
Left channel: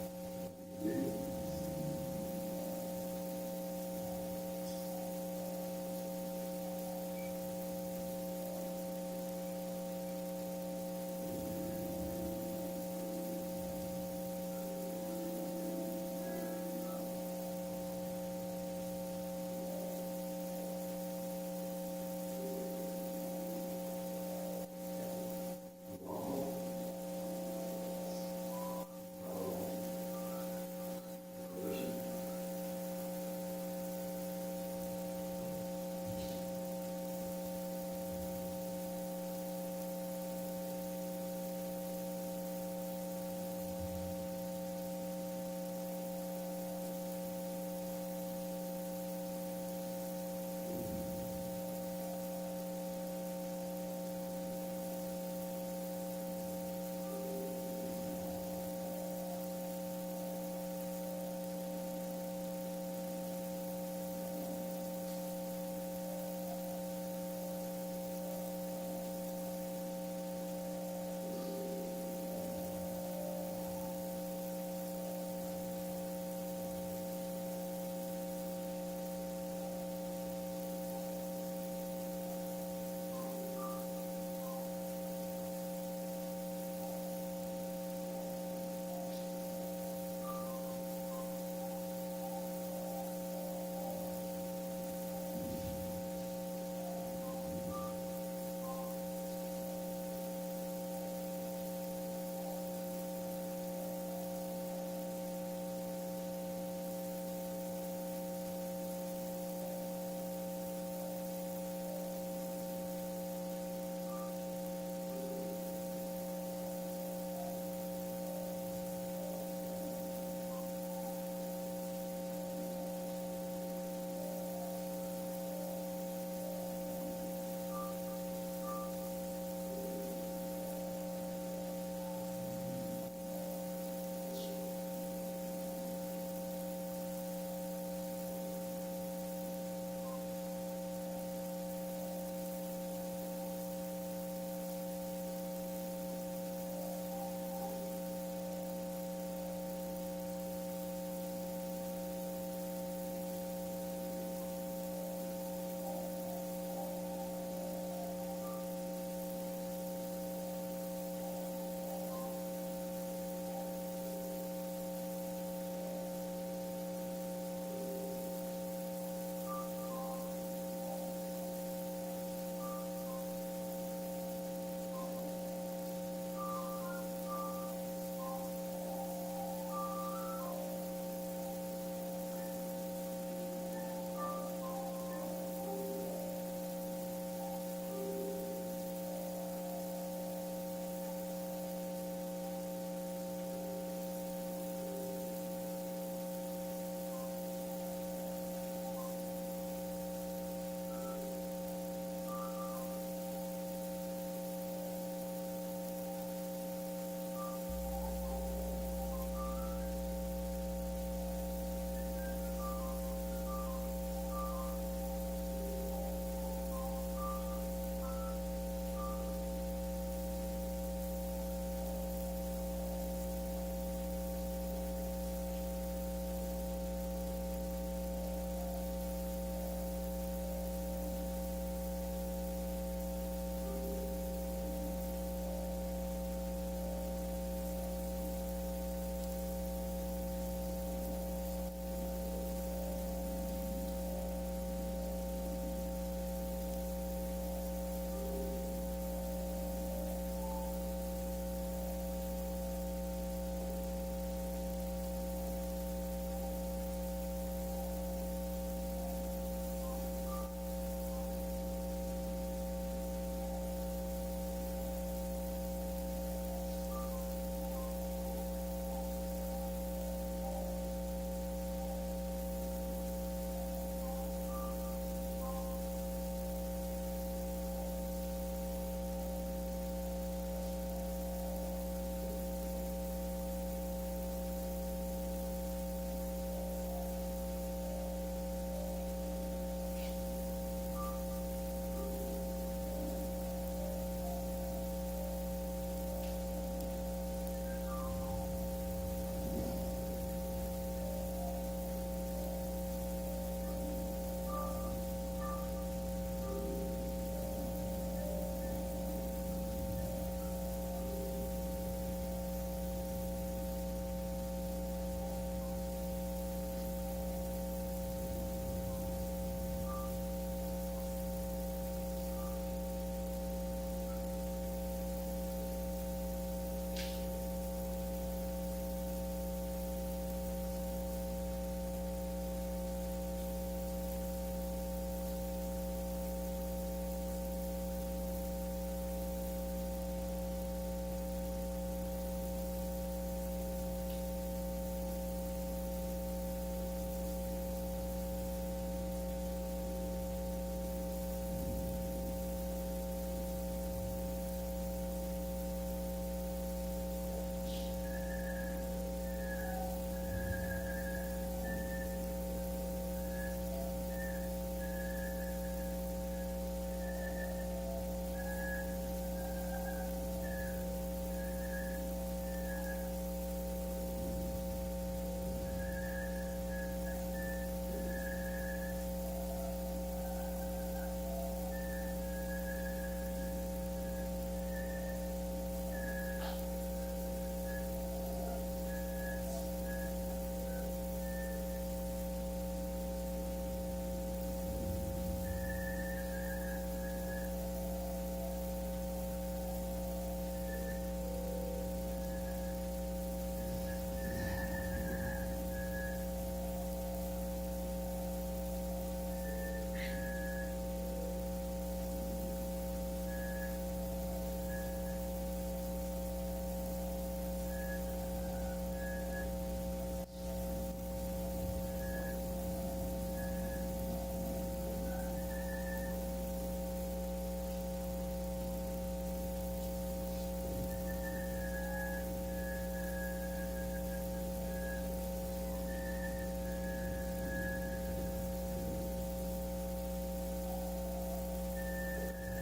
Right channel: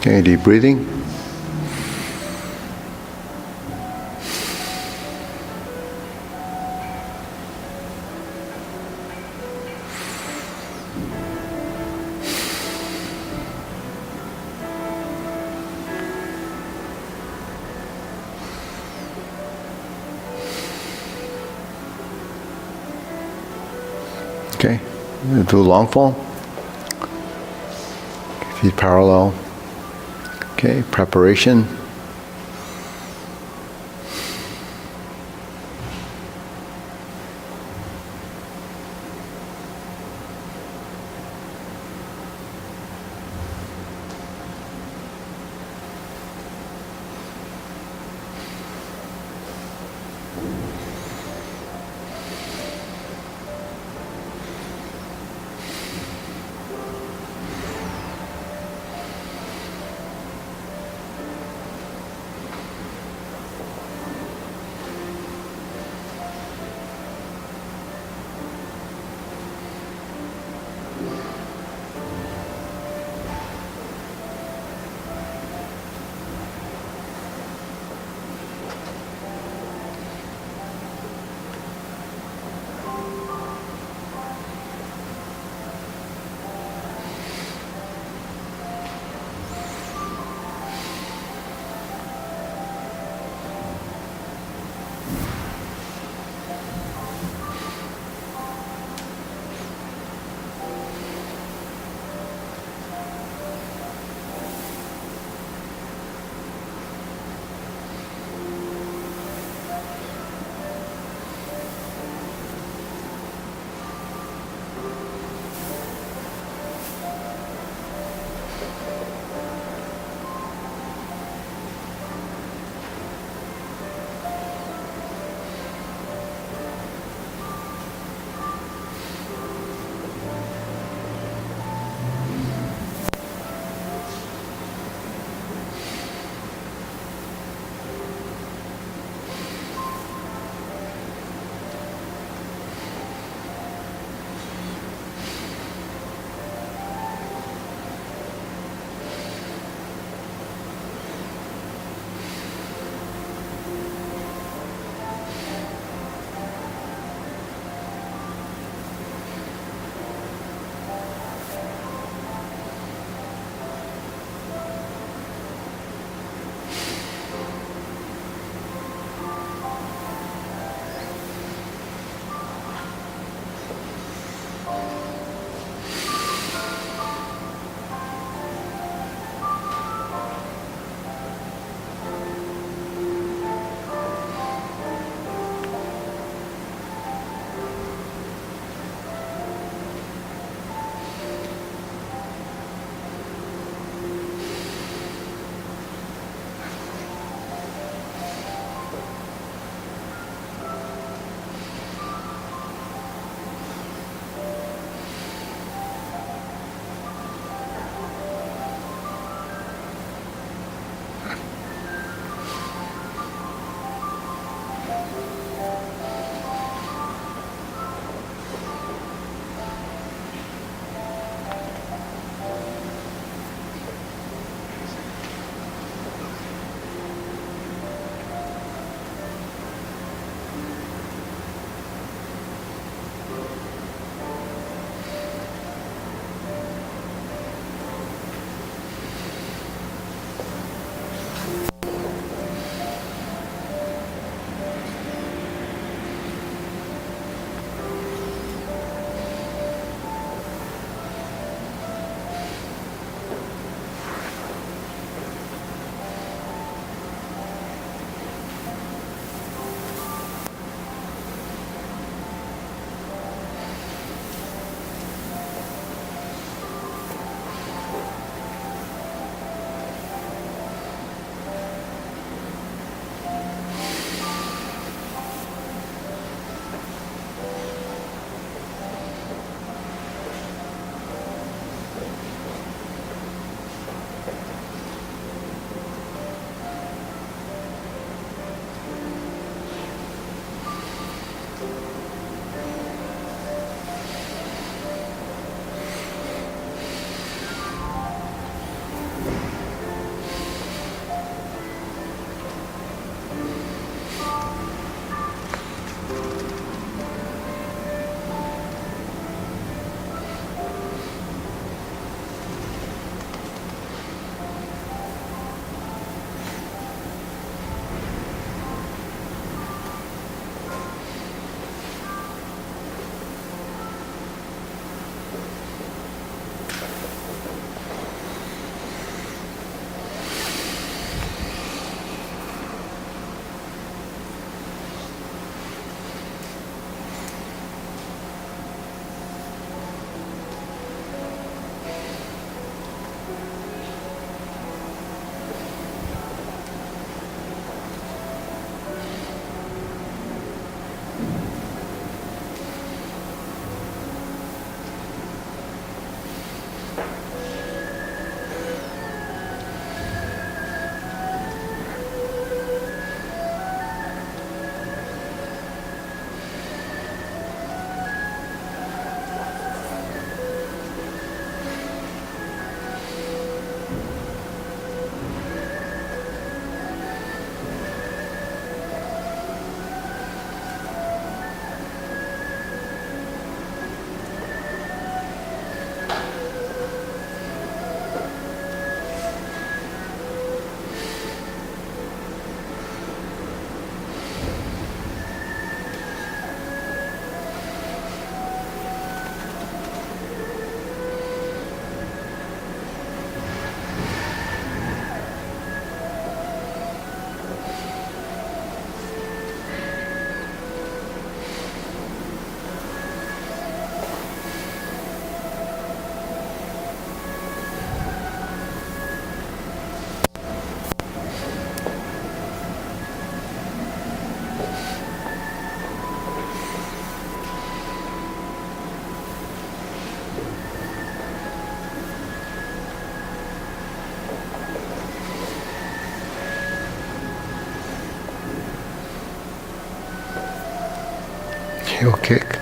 Okay, deep breathing. Okay, do a long fall. Feet parallel. Okay, preparation. heel kick.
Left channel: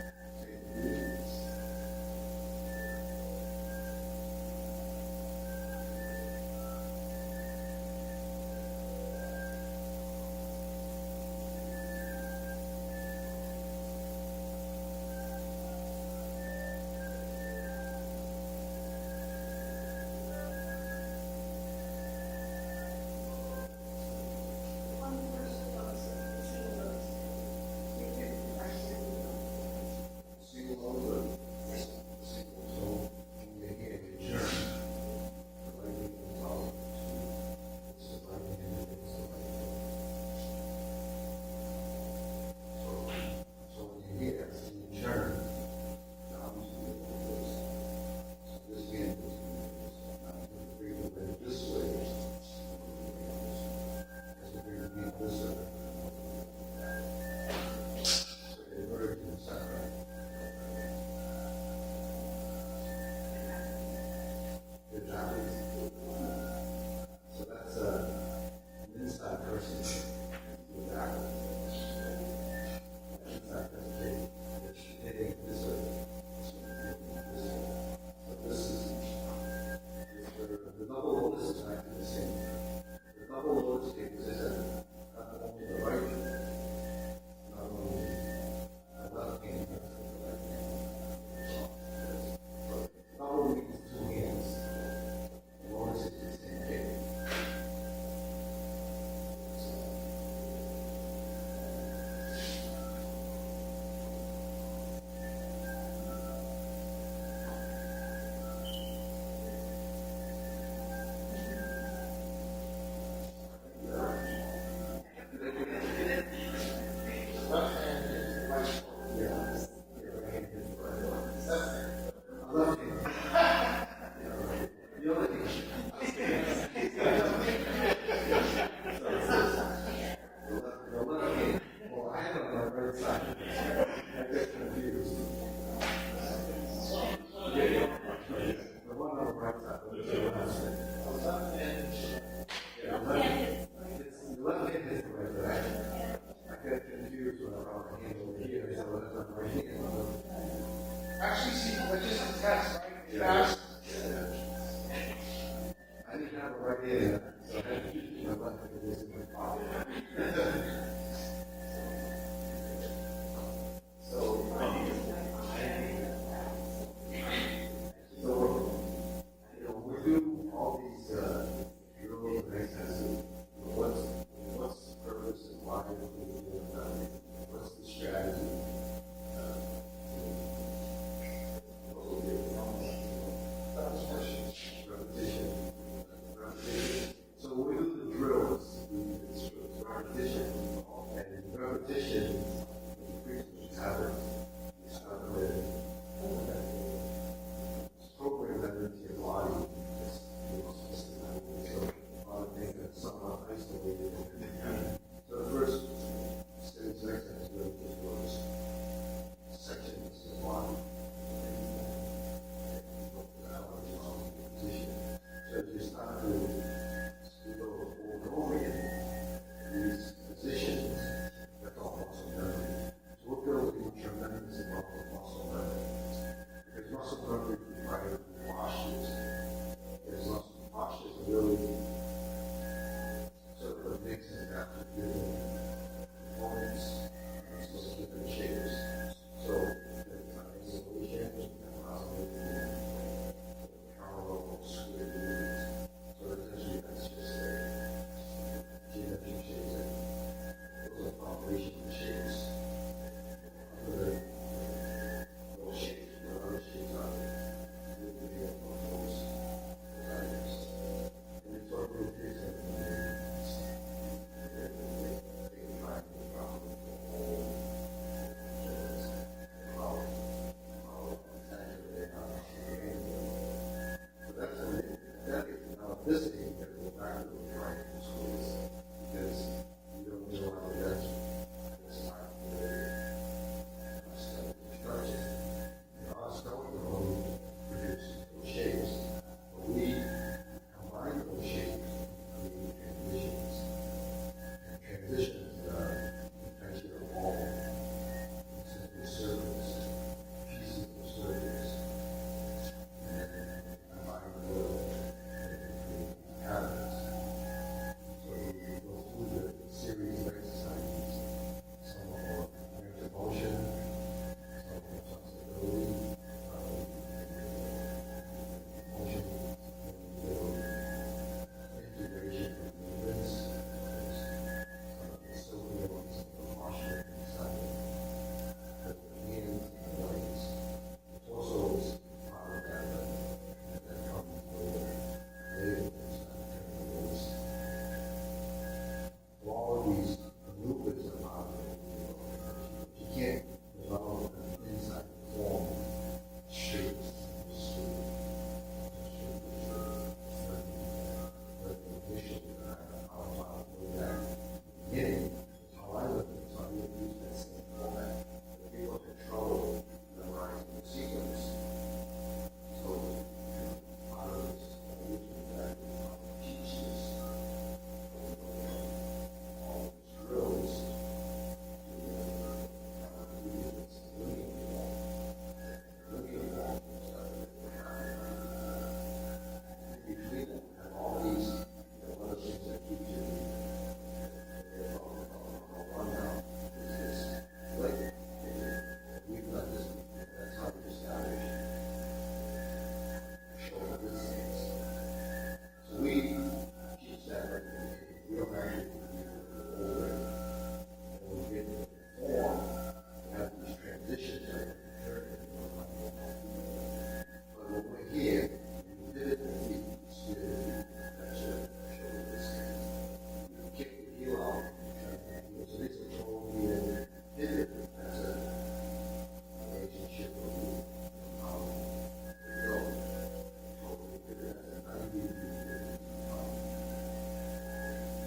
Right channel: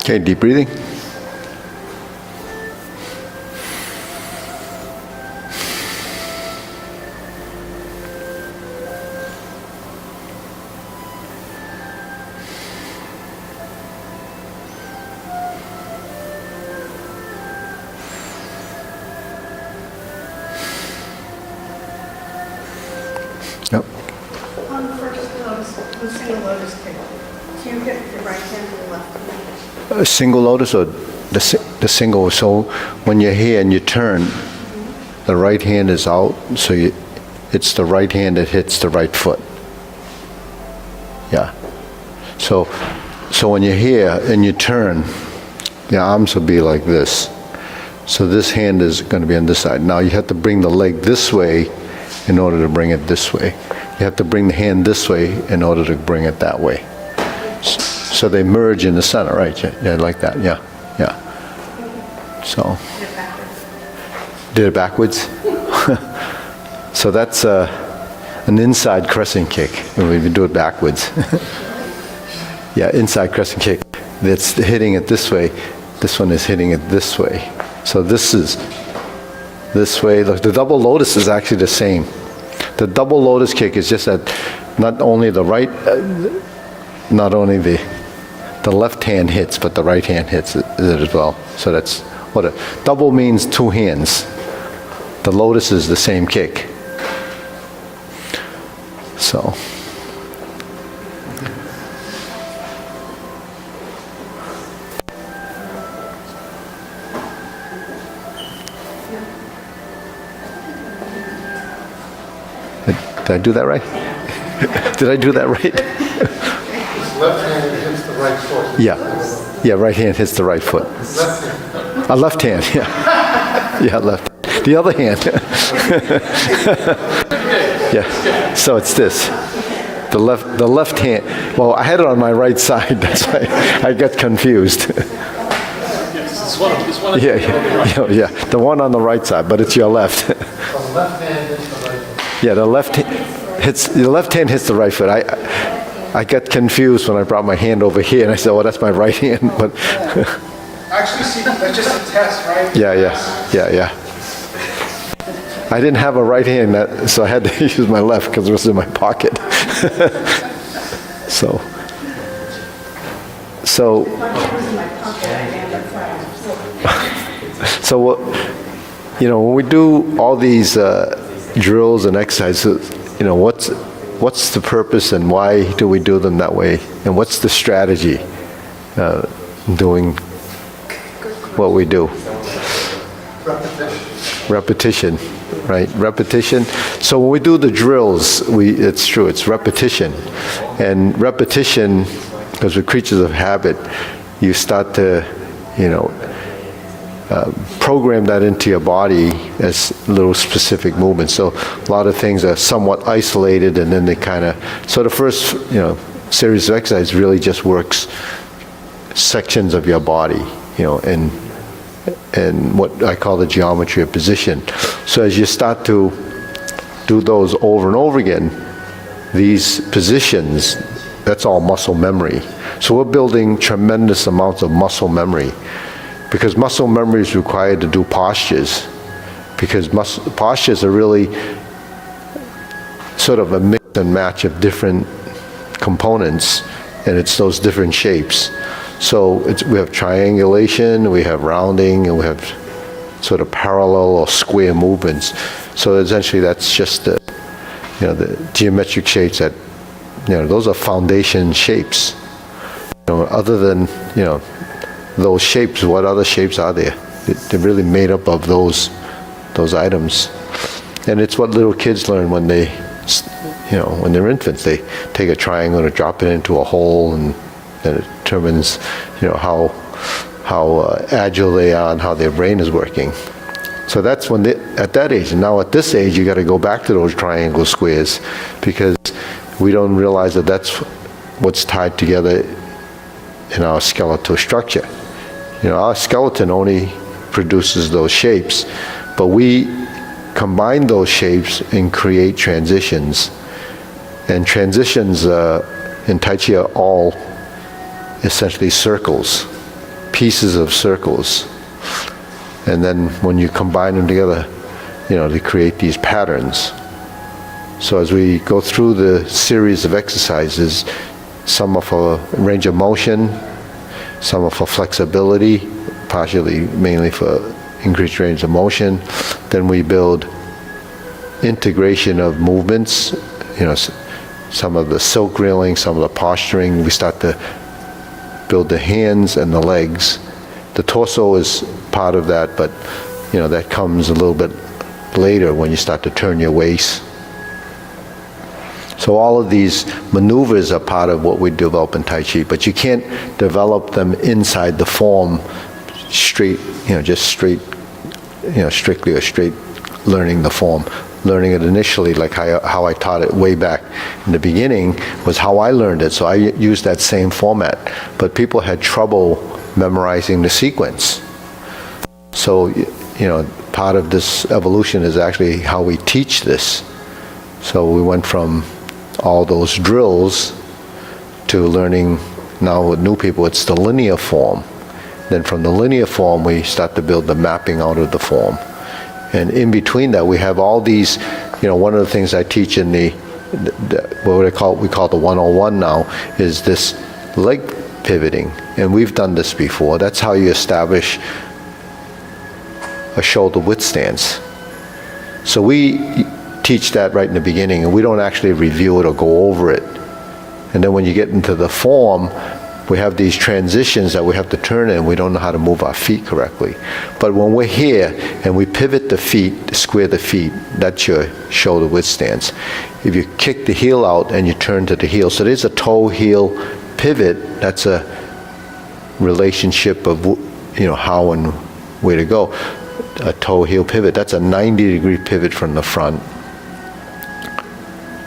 Okay, deep breathing. Yep. On the first lotus, the single lotus kick, do you hit the right hand or the left hand? A single lotus or the single, so when you're here and you turn, the right hand is out, so it's the right hand that hits the right foot. Yeah. So when you're here and you turn, your arms will be like this. So this hand is going to be on this side. Now you have to bring the leg this way in order to bring it this way. You have to bring the hand this way in order to bring it that way. So they merge in the center, right? Yeah, like that, yeah, yeah. So, did it backwards? So that's an inside crescent kick, when we do it backwards. Yeah, inside crescent kick. That's hitting it this way. This one is hitting it this way. So this is this way. Look, the double lotus is actually the same. The double lotus kick is just that not only the right, not only the left hand hits, but the right hand hits it as well. So that's what a double means, two hands. The lotus is the same kick. So. Did I do that right? Did I do that right? Left hand hits the right foot. Yeah. Yeah, right hand hits the right foot. Left hand. A left hand, yeah. Yeah, left. The other hand. Yeah. So it's this. The left hand. Well, I had it on my right side. That's why I got confused. Yeah, yeah, yeah. The one on the right side, but it's your left. The left hand hits the right foot. Yeah, the left hand hits the right foot. I got confused when I brought my hand over here, and I said, "Well, that's my right hand." But Actually, see, that's just a test, right? yeah. I didn't have a right hand, so I had to use my left because it was in my pocket. So what, when we do all these drills and exercises, what's the purpose and why do we do them that way? And what's the strategy doing what we do? Repetition, right? Repetition. So when we do the drills, it's true, it's repetition. And repetition, because we're creatures of habit, you start to, program that into your body as little specific movements. So a lot of things are somewhat isolated, and then they so the first, series of exercises really just works sections of your body, and what I call the geometry of position. So as you start to do those over and over again, these positions, that's all muscle memory. So we're building tremendous amounts of muscle memory, because muscle memory is required to do postures, because postures are really sort of a mix and match of different components, and it's those different shapes. So we have triangulation, we have rounding, and we have sort of parallel or square movements. So essentially that's just the geometric shapes that, those are foundation shapes. Other than, those shapes, what other shapes are there? They're really made up of those items. And it's what little kids learn when when they're infants. They take a triangle and drop it into a hole, and then it determines, how agile they are and how their brain is working. So that's when at that age. And now at this age, you got to go back to those triangle squares, because we don't realize that that's what's tied together in our skeletal structure. Our skeleton only produces those shapes, but we combine those shapes and create transitions. And transitions in Tai Chi are all essentially circles. pieces of circles. And then when you combine them together, they create these patterns. So as we go through the series of exercises, some are for range of motion, some are for flexibility, partially mainly for increased range of motion. Then we build integration of movements, some of the silk reeling, some of the posturing. We start to build the hands and the legs. The torso is part of that, but that comes a little bit later when you start to turn your waist. So all of these maneuvers are part of what we develop in Tai Chi, but you can't develop them inside the form straight, just straight, strictly or straight learning the form. Learning it initially, like how I taught it way back in the beginning, was how I learned it. So I used that same format, but people had trouble memorizing the sequence. So, part of this evolution is actually how we teach this. So we went from all those drills to learning now with new people, it's the linear form. Then from the linear form, we start to build the mapping out of the form. And in between that, we have all these, one of the things I teach in we call the 101 now, is this leg pivoting. And we've done this before. That's how you establish a shoulder width stance. So we teach that right in the beginning, and we don't actually review it or go over it. And then when you get into the form, we have these transitions that we have to turn in. We don't know how to move our feet correctly. But when we're here and we pivot the feet, square the feet, that's your shoulder width stance. If you kick the heel out and you turn to the heel, so there's a toe-heel pivot. That's a relationship of how and where to go. A toe-heel pivot, that's a 90-degree pivot from the front.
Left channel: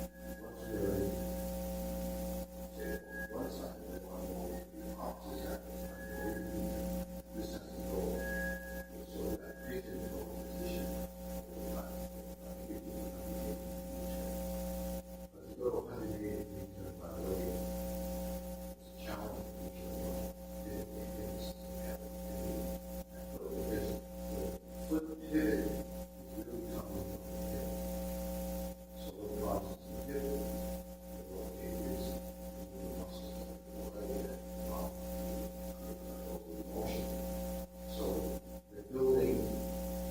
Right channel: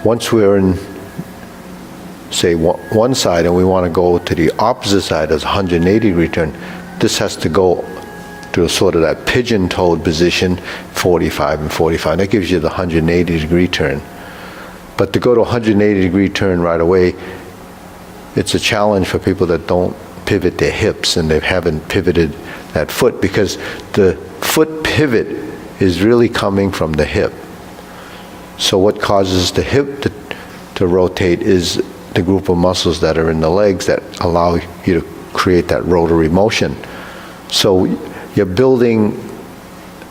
Once we're in, say, one side and we want to go to the opposite side as a 180-degree turn, this has to go to sort of that pigeon-toed position, 45 and 45. That gives you the 180-degree turn. But to go to a 180-degree turn right away, it's a challenge for people that don't pivot their hips and they haven't pivoted that foot, because the foot pivot is really coming from the hip. So what causes the hip to rotate is the group of muscles that are in the legs that allow you to create that rotary motion. So you're building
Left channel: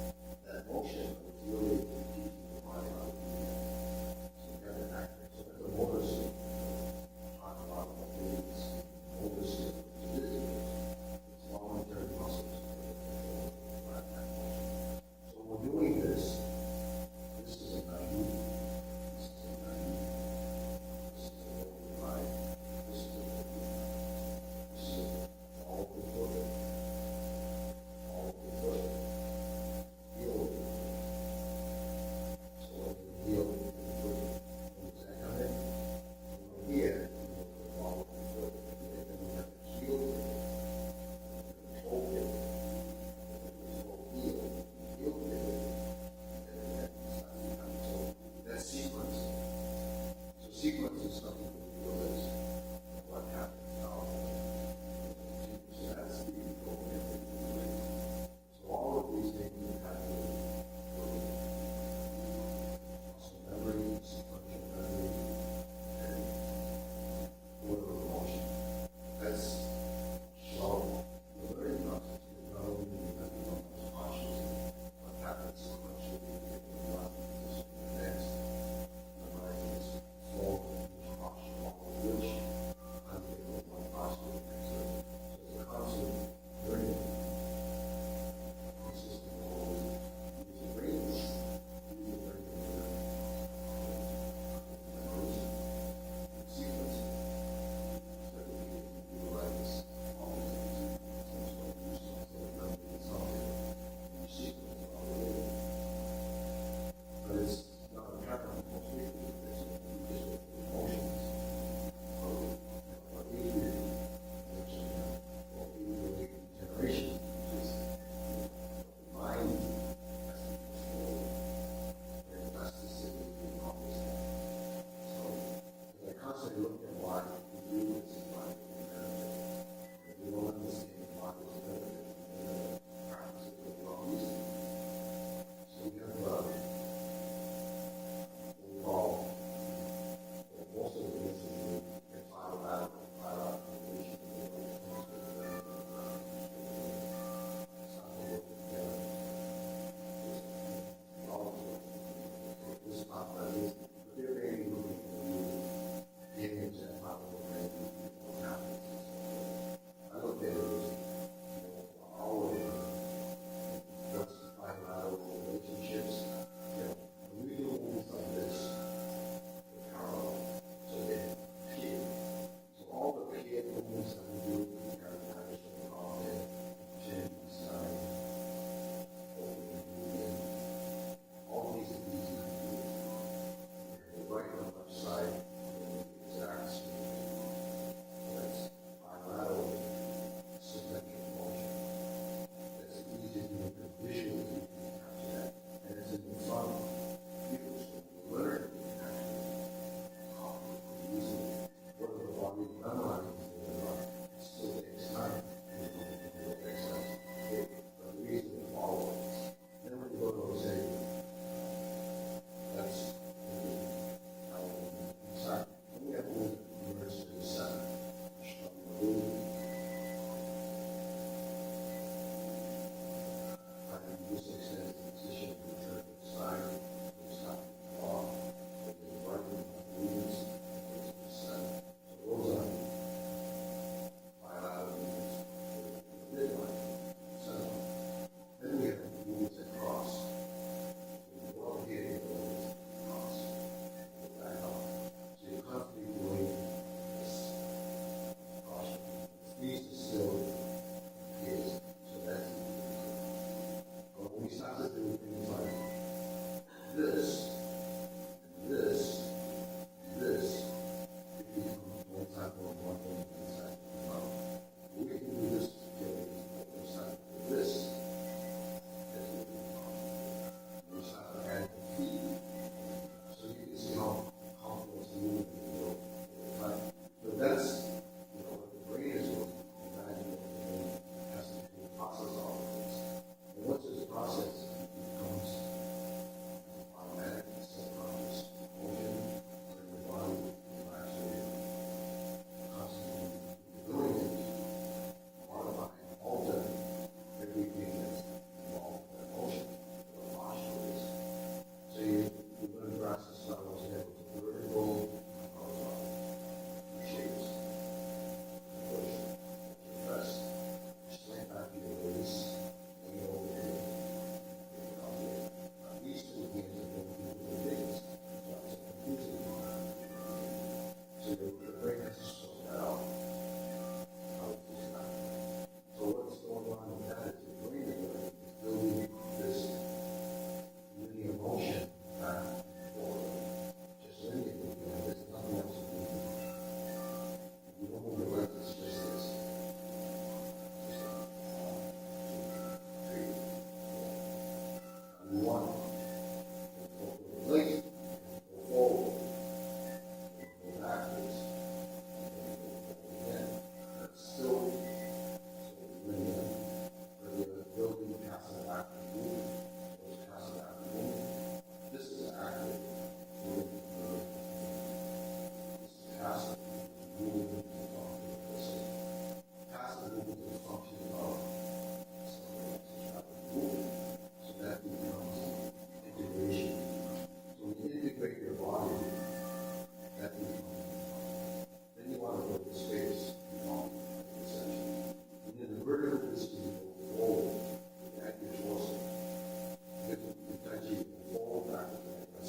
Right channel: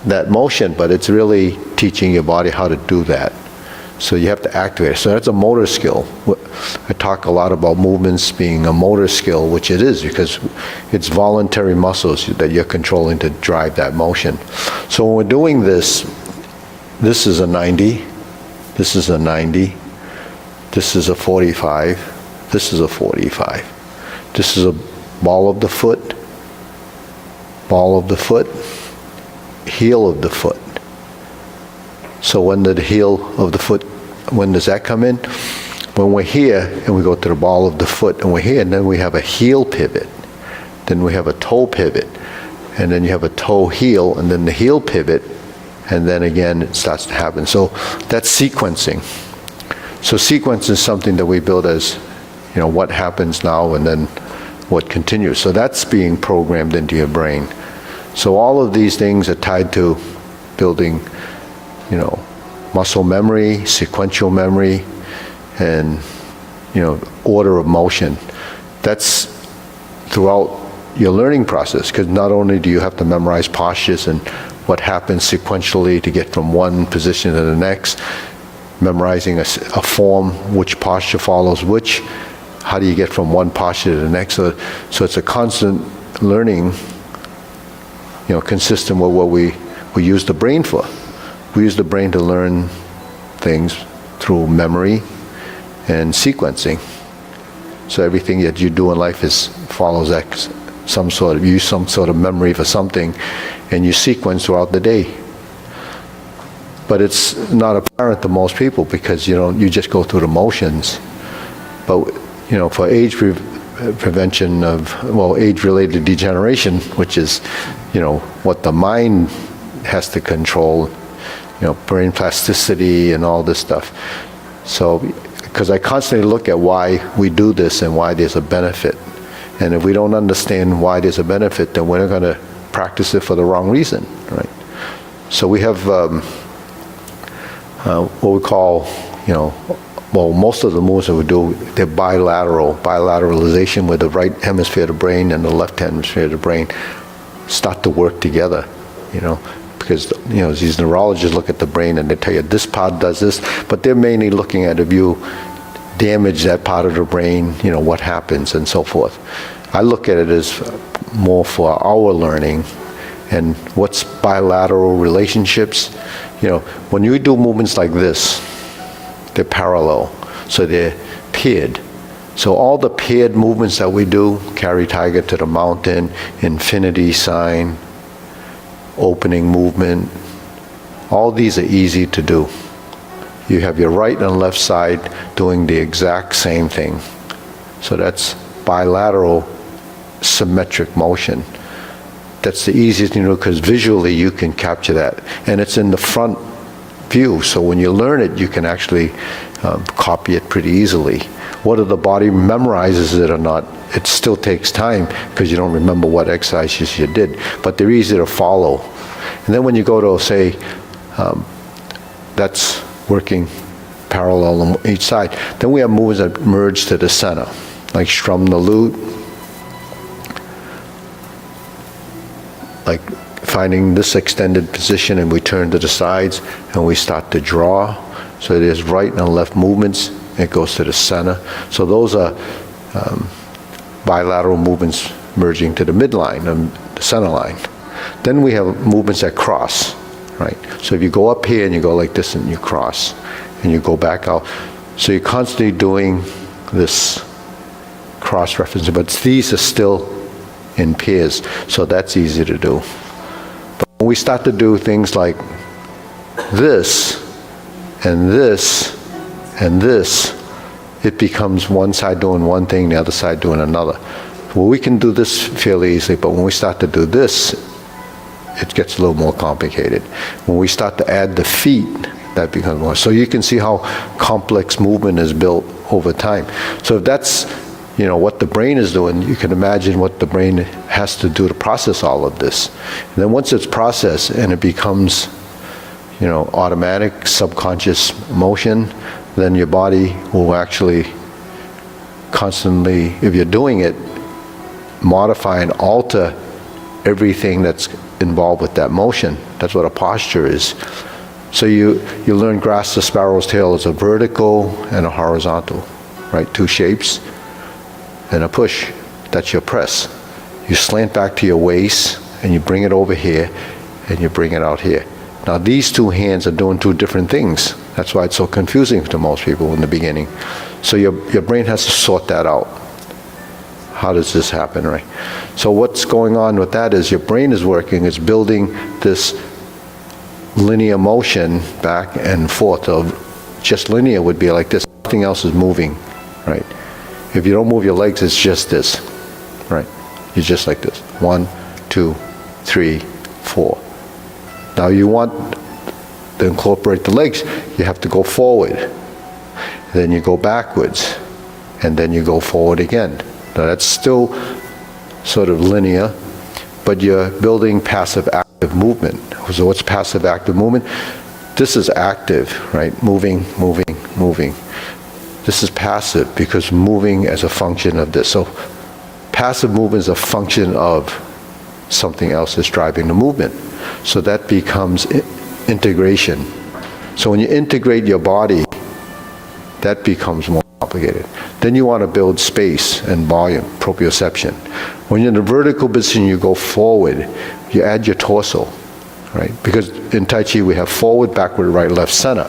that motion, but it's really teaching your body how to do that. So you have to activate it. So that's a motor skill. I talk a lot about movements being a motor skill, which it is, because it's voluntary muscles that you're controlling to drive that motion. So when we're doing this, this is a 90, this is a 90, this is a 45, this is a 45. This is a ball of the foot, heel of the foot. So when the heel of the foot, when does that come in? When we're here and we go to the ball of the foot and we're here, and then we have a heel pivot, then we have a toe pivot, and then you have a toe heel, and then the heel pivot, and then again it starts to happen. So that's sequencing. So sequence is something that we build as, what happens now and then what continues. So that's being programmed into your brain. So all of these things are tied to building, muscle memory, sequential memory, and, order of motion. That's throughout your learning process, because not only do you have to memorize postures and what happens sequentially to get from one position to the next, memorizing a form, which posture follows which, how do you get from one posture to the next? So it's a constant learning, consistent with what we use the brain for. We use the brain to learn things through memory and sequencing. So everything that you do in life follows that you use some sort of memory for something, and you sequence throughout the day. But it's not apparent to most people, because you just go through the motions. But for age prevention of age-related degeneration, which is what the mind has to control, brain plasticity and all this stuff. So, because I constantly look at why we do this and why there's a benefit. And if we don't understand why there's a benefit, then we're going to practice it for the wrong reason, right? So we have what we call, well, most of the moves that we do, they're bilateralization, where the right hemisphere of the brain and the left hemisphere of the brain start to work together, because, these neurologists look at the brain and they tell you this part does this, but they're mainly looking at if you damage that part of the brain, what happens and so forth. I look at it as more for our learning and what's bilateral relationships. When you do movements like this, they're parallel, so they're paired. So all the paired movements that we do, carry tiger to the mountain, infinity sign, opening movement, all these are easy to do. You have your right and left side doing the exact same thing. So that's bilateral symmetric motion. That's the easiest thing to do because visually you can capture that. And it's in the front view, so when you learn it, you can actually copy it pretty easily. Whether the body memorizes it or not, it still takes time because you don't remember what exercises you did, but they're easy to follow. And then when you go to, say, that's working parallel on each side, then we have movements that merge to the center, like strum the lute, like finding this extended position, and we turn to the sides and we start to draw. So there's right and left movements, it goes to the center. So those are bilateral movements merging to the midline and the center line. Then we have movements that cross, right? So if you go up here and you go like this and you cross and you go back out. So you're constantly doing this cross referencing, but these are still in pairs, so that's easy to do. But when we start to do things like this and this and this, it becomes one side doing one thing, the other side doing another. Well, we can do this fairly easily, but when we start to do this, it gets a little more complicated. When we start to add the feet, that becomes more. So you can see how complex movement is built over time. So if that's what the brain is doing, you can imagine what the brain has to do to process all of this. And then once it's processed and it becomes, automatic, subconscious motion, then your body will actually constantly, if you're doing it, modify and alter everything that's involved with that motion. That's what a posture is. So you learn grasp the sparrow's tail as a vertical and a horizontal, right? Two shapes. And a push, that's your press. You slant back to your waist and you bring it over here and you bring it out here. Now these two hands are doing two different things. That's why it's so confusing to most people in the beginning. So your brain has to sort that out. How does this happen, right? So what's going on with that is your brain is working, it's building this linear motion back and forth of just linear would be like this, nothing else is moving, right? If you don't move your legs, it's just this, right? You're just like this. 1, 2, 3, 4. Now you want to incorporate the legs, you have to go forward. Then you go backwards, and then you go forward again. Now that's still sort of linear, but you're building passive-active movement. So what's passive-active movement? This is active, right? Moving, moving, moving. This is passive because moving as a function of this. So passive movement is a function of something else that's driving the movement. So that becomes integration. So when you integrate your body, that becomes more complicated. Then you want to build space and volume, proprioception. When you're in the vertical position, you go forward, you add your torso, right? Because in Tai Chi we have forward, backward, right, left, center.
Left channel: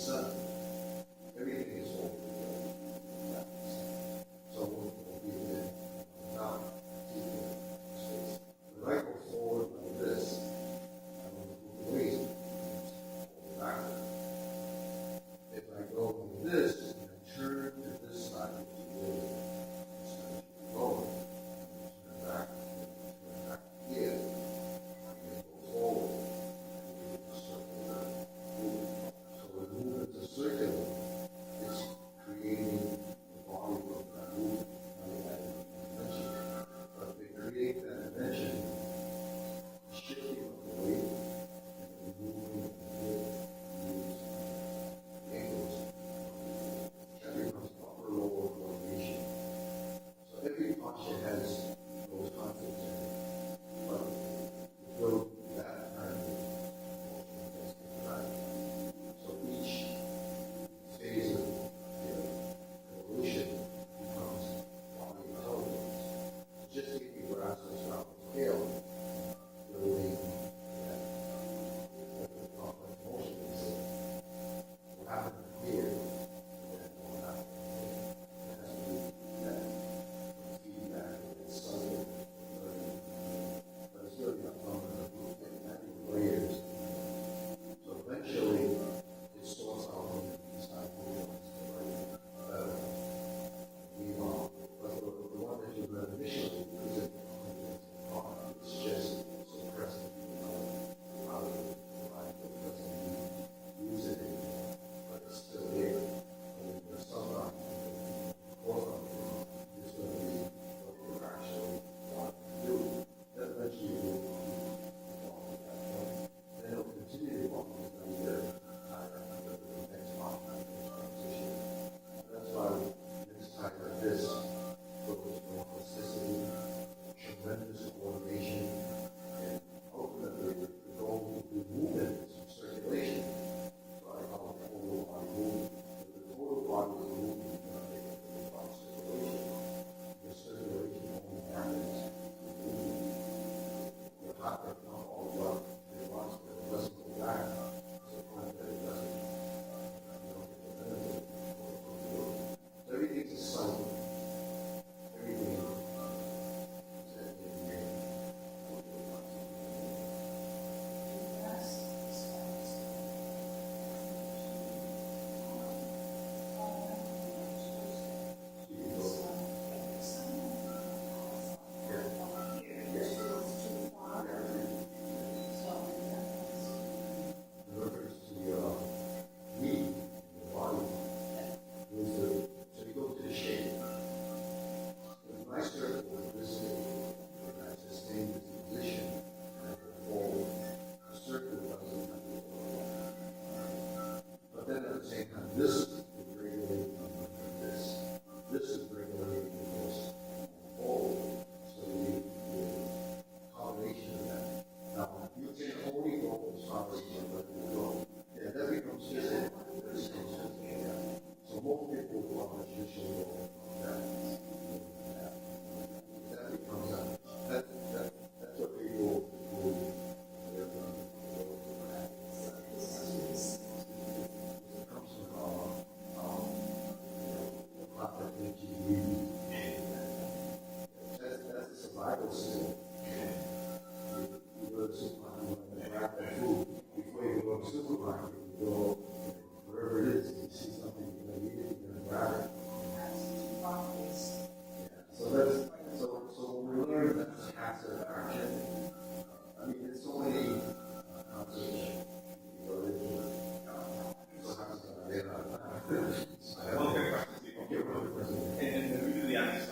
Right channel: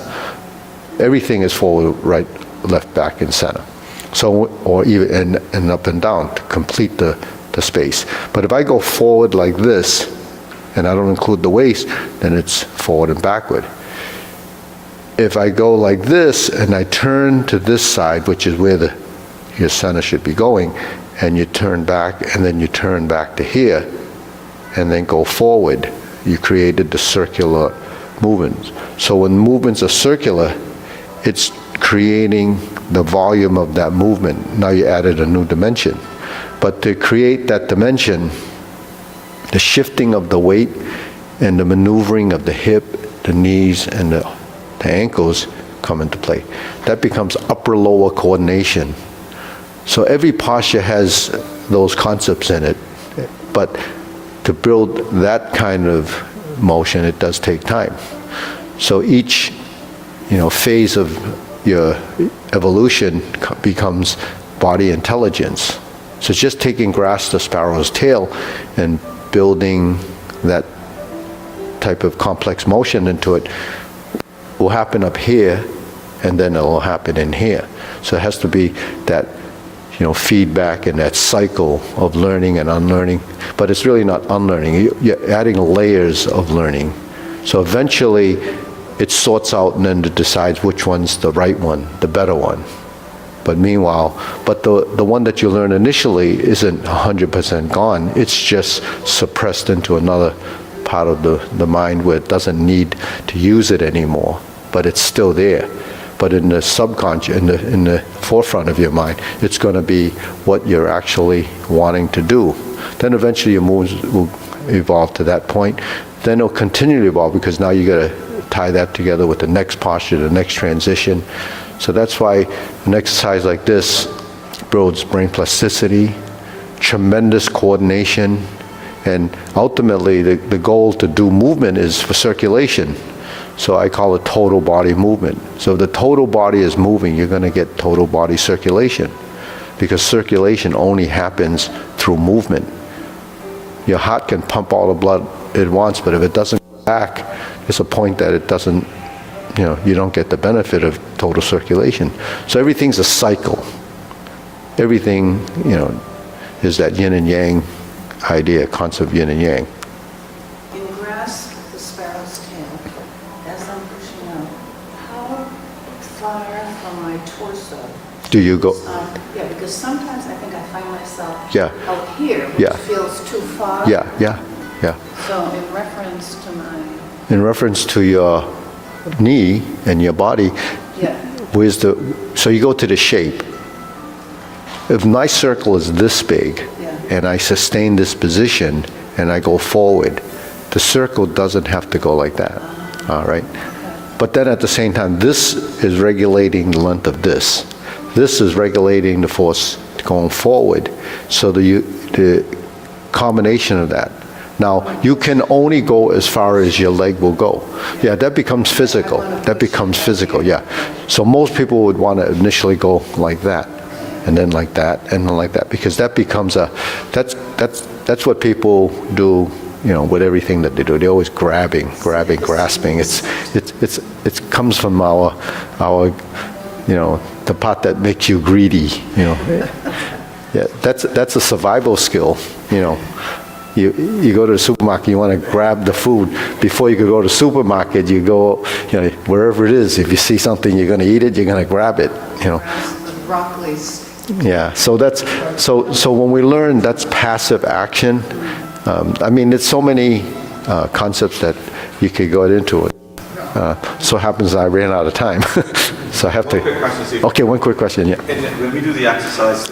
Everything is forward, right, left, back, and center. So, or even and up and down to complete the space. But if I go forward like this, and I don't include the waist, then it's forward and backward. If I go like this and I turn to this side, which is where your center should be going, and you turn back and then you turn back to here and then go forward, you created the circular movements. So when movements are circular, it's creating the volume of that movement. Now you added a new dimension. But to create that dimension, the shifting of the weight and the maneuvering of the hip, the knees, and the ankles come into play. That becomes upper-lower coordination. So every posture has those concepts in it, but to build that kind of motion, it does take time. So each, phase of your evolution becomes body intelligence. So it's just taking grass the sparrow's tail and building that type of complex motion into it will happen up here, and then it will happen in here. So it has to be that, feedback and that cycle of learning and unlearning. But it's really not unlearning. You're adding layers of learning. So eventually, it sorts out and then it decides which one's the right one, the better one. But meanwhile, the one that you learn initially isn't 100% gone. It's just suppressed into another part of the mind where it doesn't need to use it anymore, but it's still there. But in the subconscious, in the forefront of your mind, it's going to be what you're actually wanting to do. Then eventually your moves will evolve to that point. Then it'll continue to evolve because now you got to tie that together with the next posture, the next transition. So that's why an exercise like this builds brain plasticity, tremendous coordination, and ultimately the goal to do movement is for circulation. So I call it total body movement. So if the total body is moving, you're going to get total body circulation, because circulation only happens through movement. Your heart can pump all the blood it wants, but if it doesn't go back, there's a point that it doesn't, you don't get the benefit of total circulation. So everything's a cycle. Everything, is that yin and yang idea, concept of yin and yang. In grasp the sparrow's tail, as I'm pushing out, how far from my torso? Do you go? Yeah, because sometimes I think I find myself Yeah. out here, which Yeah. feels too far. Yeah. So in reference to my, In reference to your knee and your body, yeah, so you go to the shape. If my circle is this big, Yeah. and I sustain this position, and I go forward, the circle doesn't have to go like that, all right? But then at the same time, this is regulating the length of this. This is regulating the force going forward. So the combination of that. Now, you can only go as far as your leg will go. Yeah, that becomes physical. That becomes physical, yeah. So most people would want to initially go like that, and then like that, and then like that, because that becomes that's what people do, with everything that they do. They're always grabbing, grasping. It comes from our the part that makes you greedy, Yeah, that's a survival skill, You go to the supermarket, you want to grab the food. Before you could go to the supermarket, you go, wherever it is. If you see something, you're going to eat it, you're going to grab it, the broccoli's. Yeah, so so when we learn, that's passive action. There's so many concepts that you could go into it. So happens I ran out of time, so I have to. One quick question, Steve. Okay, one quick question. Yeah. And when we do the exercise,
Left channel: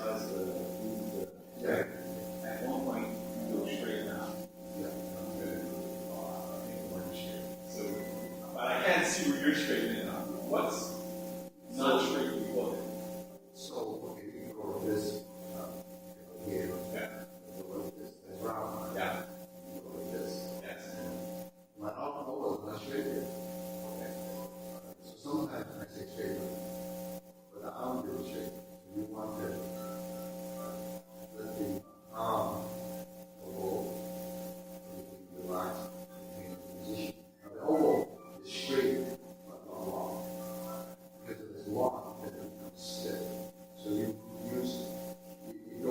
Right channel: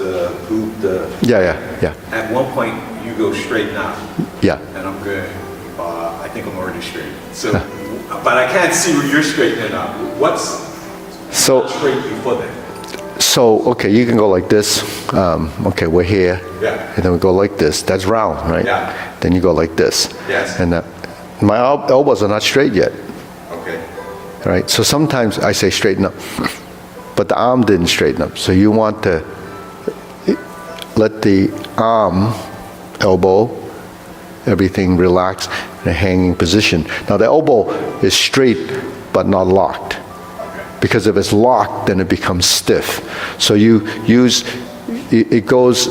Yeah. at one point you go straight now, Yeah. and I'm good. I think I'm already straight. So, but I can't see where you're straightening out. What's So straight before that? okay, you can go like this. Okay, we're here, Yeah. and then we go like this. That's round, right? Yeah. Then you go like this. Yes. And my elbows are not straight yet. Okay. Right? So sometimes I say straighten up, but the arm didn't straighten up. So you want to let the arm, elbow, everything relax in a hanging position. Now the elbow is straight but not locked. Because if it's locked, then it becomes stiff. So you use, it goes,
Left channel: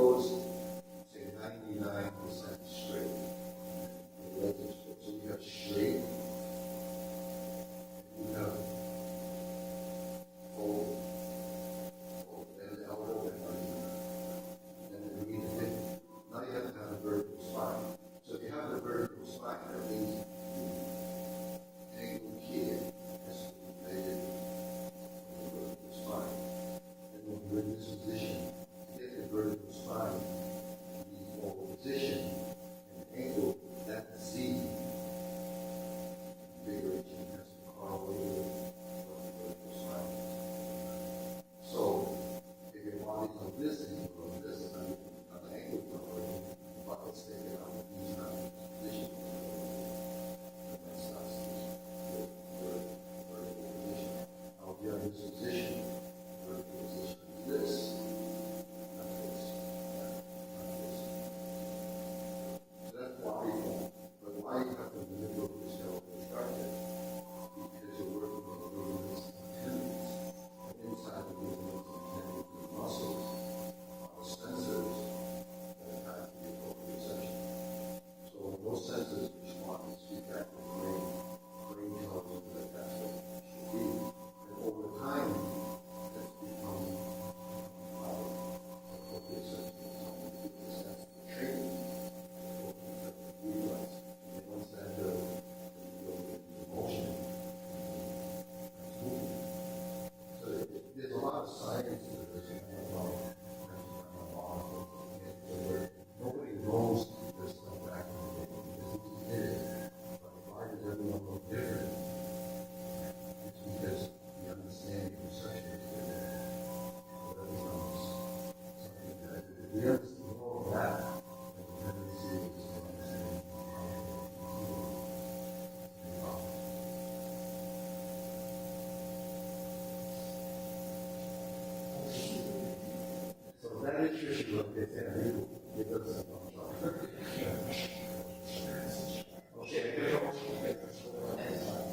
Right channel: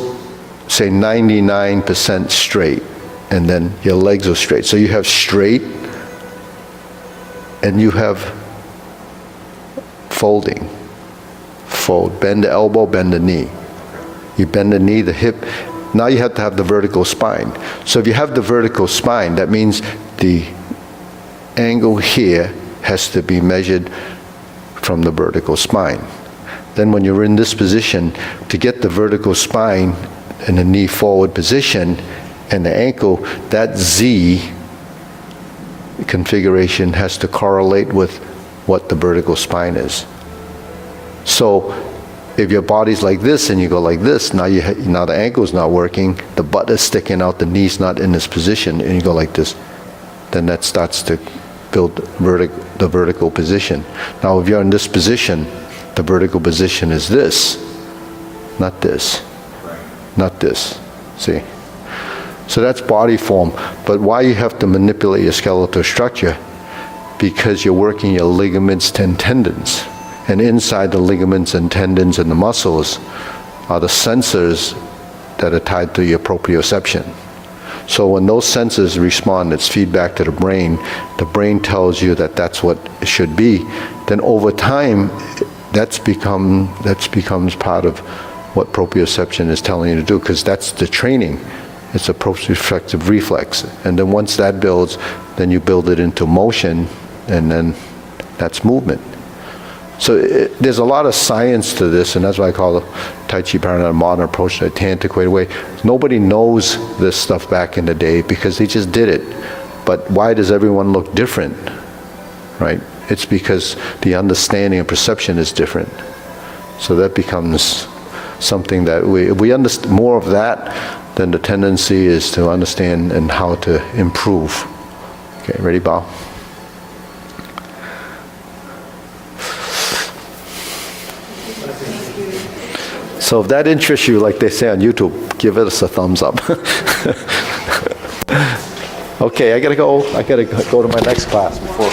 say 99% straight, and then your legs are straight. So you have straight, and you have folding. Fold, bend the elbow, bend the knee. You bend the knee, the hip. Now you have to have the vertical spine. So if you have the vertical spine, that means the angle here has to be measured from the vertical spine. Then when you're in this position, to get the vertical spine in the knee forward position and the ankle, that Z configuration has to correlate with what the vertical spine is. So if your body's like this and you go like this, now now the ankle's not working, the butt is sticking out, the knee's not in this position, and you go like this, then that starts to build the vertical position. Now if you're in this position, the vertical position is this, not this, not this, see? So that's body form. But why you have to manipulate your skeletal structure? Because you're working your ligaments and tendons. And inside the ligaments and tendons and the muscles are the sensors that are tied to your proprioception. So when those sensors respond, it's feedback to the brain tells you that that's what it should be. Then over time, that becomes part of what proprioception is telling you to do, because that's the training. It's a proprioceptive reflex. And then once that builds, then you build it into motion, and then that's movement. So there's a lot of science to this, and that's why I call the Tai Chi Paradigm a modern approach to an antiquated way. Nobody knows this stuff back in the day because they just did it. But why does everyone look different, right? It's because the understanding and perception is different. So that becomes something that if we understand more of that, then the tendency is to understand and how to improve. Okay, ready, bow? So if that interests you, like they say on YouTube, give us a thumbs up. Okay, I gotta go to my next class before.